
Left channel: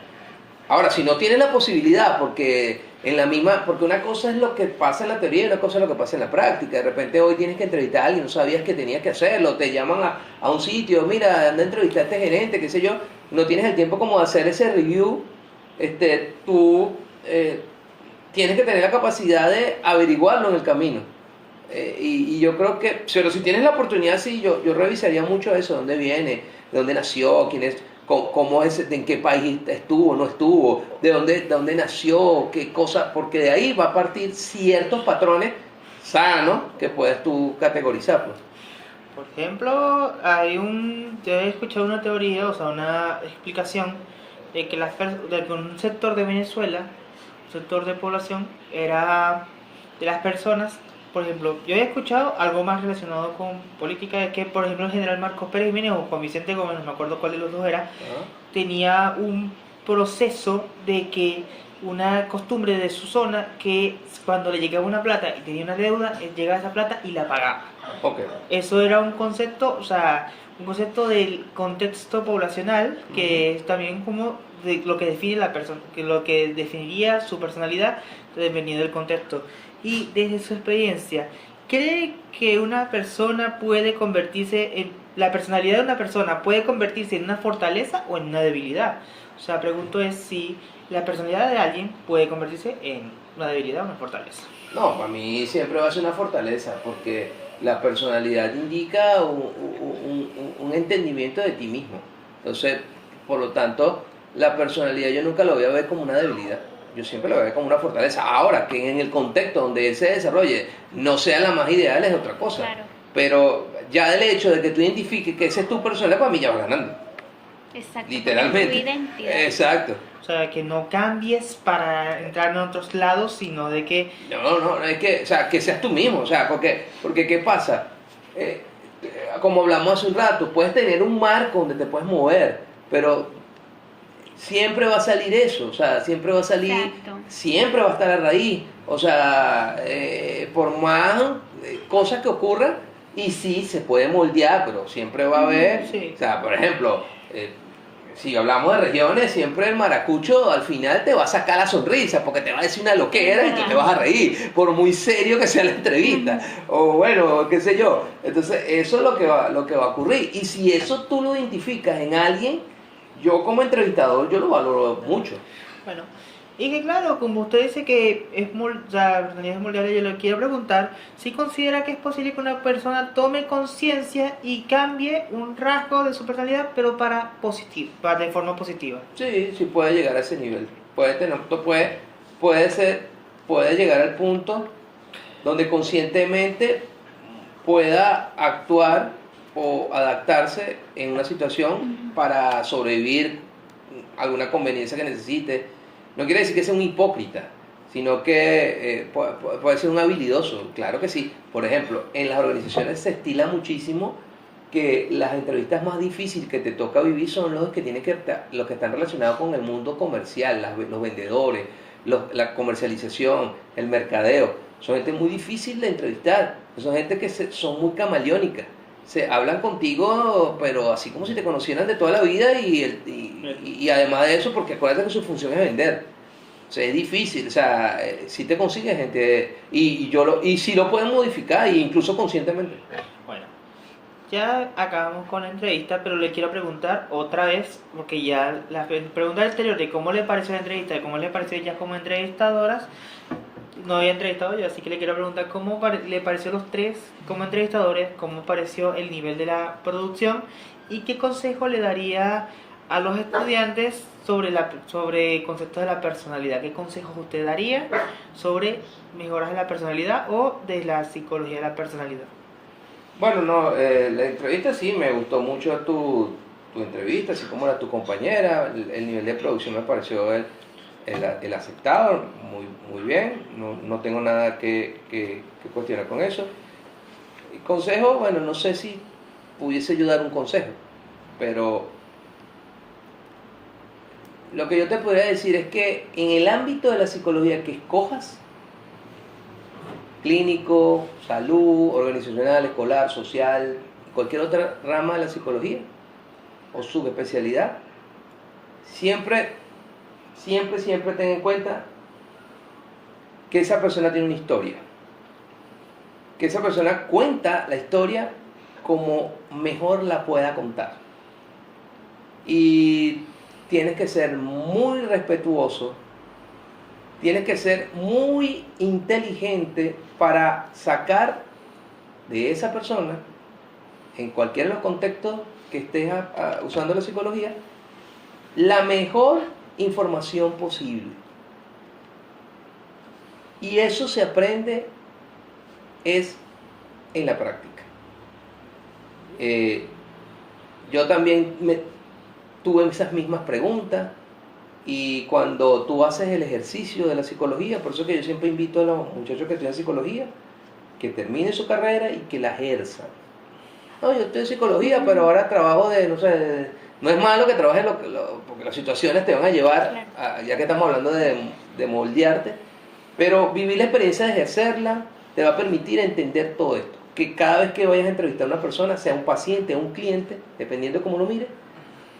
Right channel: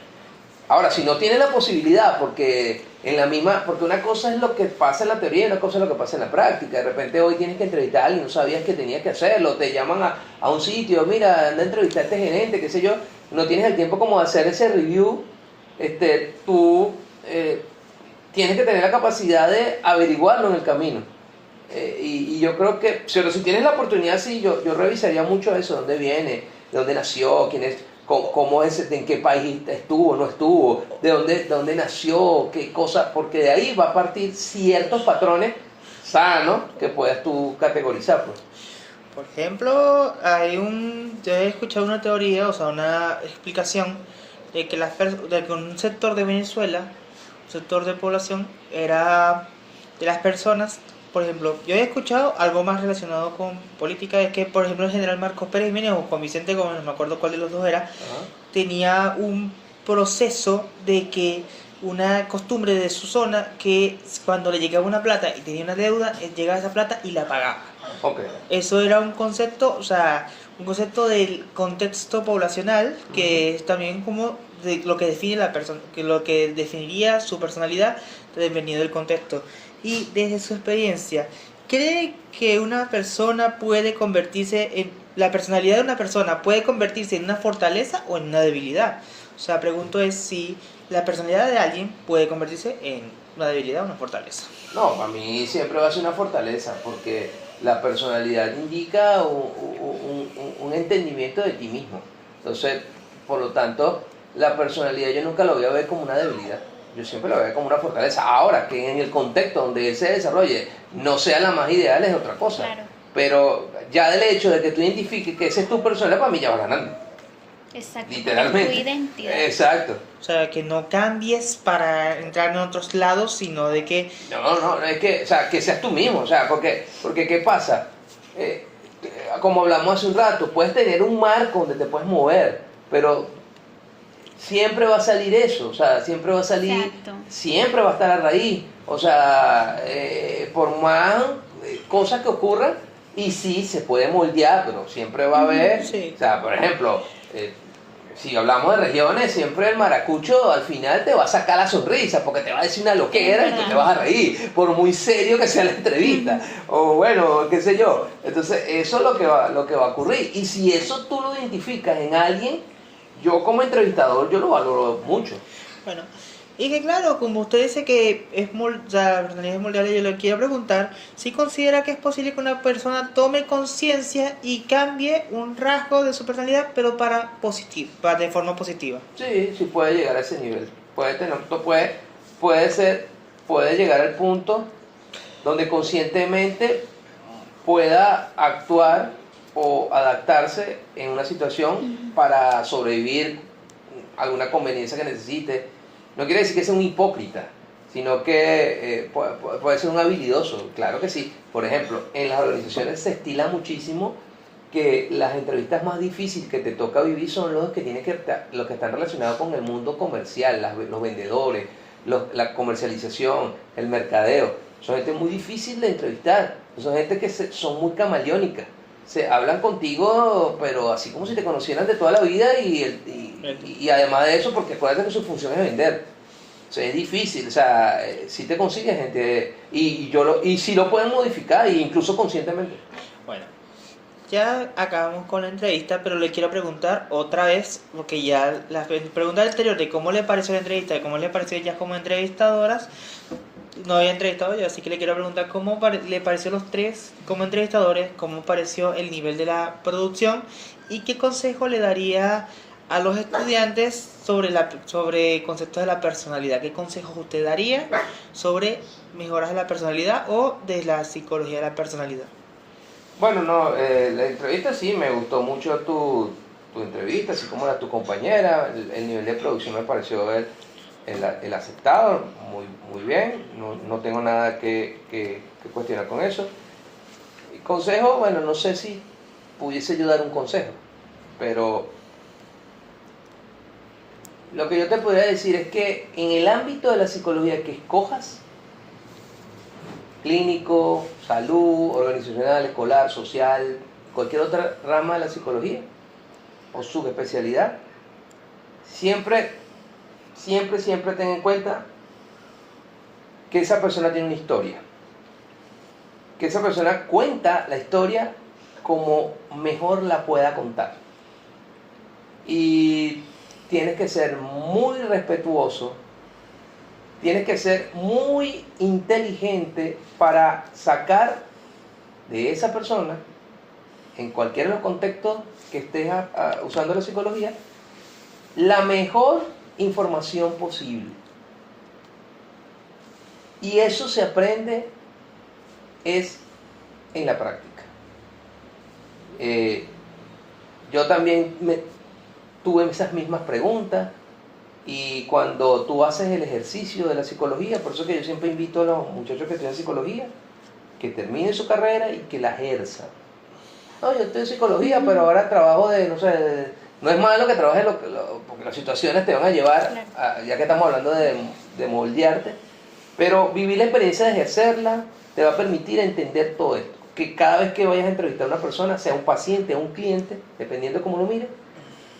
Ahora, si no tienes la posibilidad, porque una cosa es lo que pasa en la teoría y otra cosa es lo que pasa en la práctica. De repente hoy tienes que entrevistar a alguien, no sabías que tenías que hacerlo, te llaman a un sitio, mira, anda a entrevistar a este gerente, qué sé yo, no tienes el tiempo como de hacer ese review, tú tienes que tener la capacidad de averiguarlo en el camino. Y yo creo que, pero si tienes la oportunidad, sí, yo revisaría mucho eso, dónde viene, de dónde nació, quién es, cómo es, en qué país estuvo, no estuvo, de dónde nació, qué cosa, porque de ahí va a partir ciertos patrones sanos que puedas tú categorizar. Pues. Por ejemplo, yo he escuchado una teoría, o sea, una explicación de que, de que un sector de Venezuela, un sector de población, era de las personas. Por ejemplo, yo he escuchado algo más relacionado con política, de que, por ejemplo, el general Marcos Pérez Jiménez o Juan Vicente Gómez, no me acuerdo cuál de los dos era, tenía un proceso de que una costumbre de su zona que cuando le llegaba una plata y tenía una deuda, él llegaba a esa plata y la pagaba. Okay. Eso era un concepto, o sea, un concepto del contexto poblacional que es también como de lo que define la persona, que lo que definiría su personalidad dependiendo del contexto. Y desde su experiencia, ¿cree que una persona puede la personalidad de una persona puede convertirse en una fortaleza o en una debilidad? O sea, pregunto es si la personalidad de alguien puede convertirse en una debilidad o una fortaleza. No, para mí siempre va a ser una fortaleza, porque la personalidad indica un entendimiento de ti mismo. Entonces, por lo tanto, la personalidad yo nunca lo voy a ver como una debilidad. Yo siempre lo veo como una fortaleza. Ahora, que en el contexto donde él se desarrolle no sea la más ideal es otra cosa. Claro. Pero ya del hecho de que tú identifiques que esa es tu personalidad, para mí ya vas ganando. Exacto. Literalmente. Tu identidad. Exacto. O sea, que no cambies para entrar en otros lados, sino de que... No, es que, o sea, que seas tú mismo, o sea, porque ¿qué pasa? Como hablamos hace un rato, puedes tener un marco donde te puedes mover, pero siempre va a salir eso, o sea, siempre va a salir, Exacto. siempre va a estar a raíz, o sea, por más cosas que ocurran, y sí, se puede moldear, pero siempre va a haber, Sí. o sea, por ejemplo, si hablamos de regiones, siempre el maracucho al final te va a sacar la sonrisa porque te va a decir una loquera y tú te vas a reír, por muy serio que sea la entrevista, o bueno, qué sé yo. Entonces, eso es lo que va a ocurrir. Y si eso tú lo identificas en alguien, yo como entrevistador, yo lo valoro mucho. Bueno, y que claro, como usted dice que la personalidad es moldeable, yo le quiero preguntar si considera que es posible que una persona tome conciencia y cambie un rasgo de su personalidad, pero de forma positiva. Sí, puede llegar a ese nivel. Puede llegar al punto donde conscientemente pueda actuar o adaptarse en una situación para sobrevivir alguna conveniencia que necesite. No quiere decir que sea un hipócrita, sino que puede ser un habilidoso, claro que sí. Por ejemplo, en las organizaciones se estila muchísimo que las entrevistas más difíciles que te toca vivir son los los que están relacionados con el mundo comercial, los vendedores, la comercialización, el mercadeo. Son gente muy difícil de entrevistar, son gente que son muy camaleónicas. Se hablan contigo, pero así como si te conocieran de toda la vida y además de eso, porque acuérdate que su función es vender. O sea, es difícil, o sea, si te consigues gente y si lo pueden modificar, incluso conscientemente. Bueno, ya acabamos con la entrevista, pero le quiero preguntar otra vez, porque ya la pregunta anterior de cómo le pareció la entrevista y cómo le pareció ella como entrevistadoras, no había entrevistado yo, así que le quiero preguntar cómo le pareció los tres como entrevistadores, cómo pareció el nivel de la producción y qué consejo le daría a los estudiantes sobre conceptos de la personalidad. ¿Qué consejos usted daría sobre mejoras de la personalidad o de la psicología de la personalidad? Bueno, no, la entrevista sí, me gustó mucho tu entrevista, así como la tu compañera, el nivel de producción me pareció el aceptado, muy bien, no tengo nada que cuestionar con eso. Y consejo, bueno, no sé si pudiese yo dar un consejo, pero lo que yo te podría decir es que en el ámbito de la psicología que escojas, clínico, salud, organizacional, escolar, social, cualquier otra rama de la psicología o subespecialidad, siempre ten en cuenta que esa persona tiene una historia, que esa persona cuenta la historia como mejor la pueda contar. Y tienes que ser muy respetuoso, tienes que ser muy inteligente para sacar de esa persona, en cualquiera de los contextos que estés usando la psicología, la mejor información posible. Y eso se aprende es en la práctica. Yo también tuve esas mismas preguntas, y cuando tú haces el ejercicio de la psicología, por eso que yo siempre invito a los muchachos que estudian psicología que terminen su carrera y que la ejerzan. No, yo estoy en psicología, pero ahora trabajo no sé, no es malo que trabajes porque las situaciones te van a llevar, ya que estamos hablando de moldearte, pero vivir la experiencia de ejercerla te va a permitir entender todo esto. Que cada vez que vayas a entrevistar a una persona, sea un paciente o un cliente, dependiendo de cómo lo mires,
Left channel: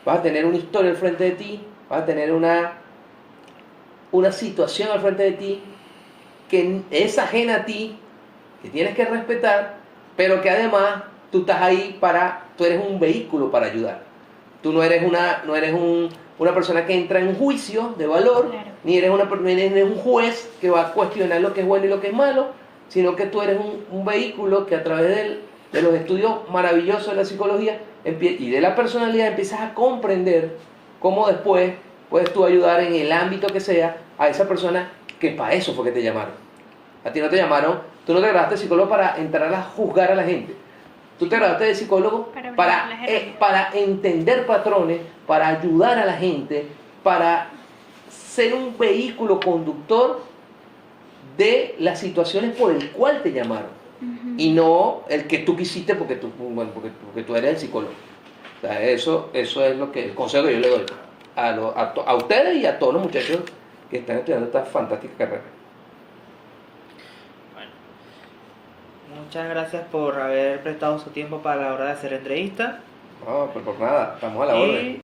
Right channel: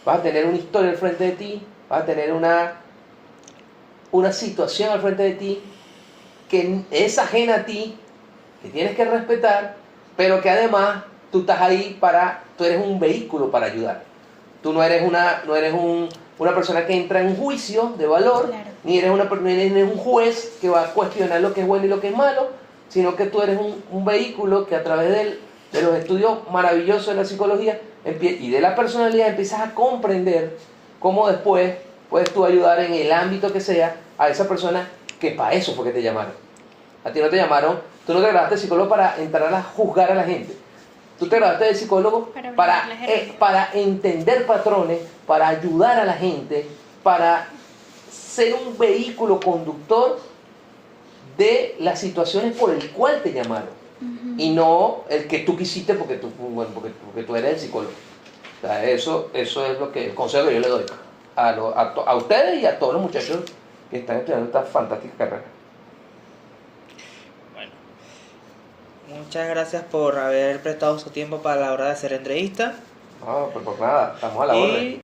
vas a tener una historia al frente de ti, vas a tener una situación al frente de ti que es ajena a ti, que tienes que respetar, pero que además tú estás ahí tú eres un vehículo para ayudar. Tú no eres una persona que entra en un juicio de valor, claro, ni eres un juez que va a cuestionar lo que es bueno y lo que es malo, sino que tú eres un vehículo que a través de los estudios maravillosos de la psicología y de la personalidad empiezas a comprender cómo después puedes tú ayudar en el ámbito que sea a esa persona que para eso fue que te llamaron. A ti no te llamaron, tú no te graduaste de psicólogo para entrar a juzgar a la gente. Tú te graduaste de psicólogo para entender patrones, para ayudar a la gente, para ser un vehículo conductor de las situaciones por el cual te llamaron. Uh-huh. Y no el que tú quisiste porque tú eres el psicólogo. O sea, eso es lo que el consejo que yo le doy a ustedes y a todos los muchachos que están estudiando esta fantástica carrera. Bueno, muchas gracias por haber prestado su tiempo para la hora de hacer entrevista. No, pues por nada, estamos a la orden.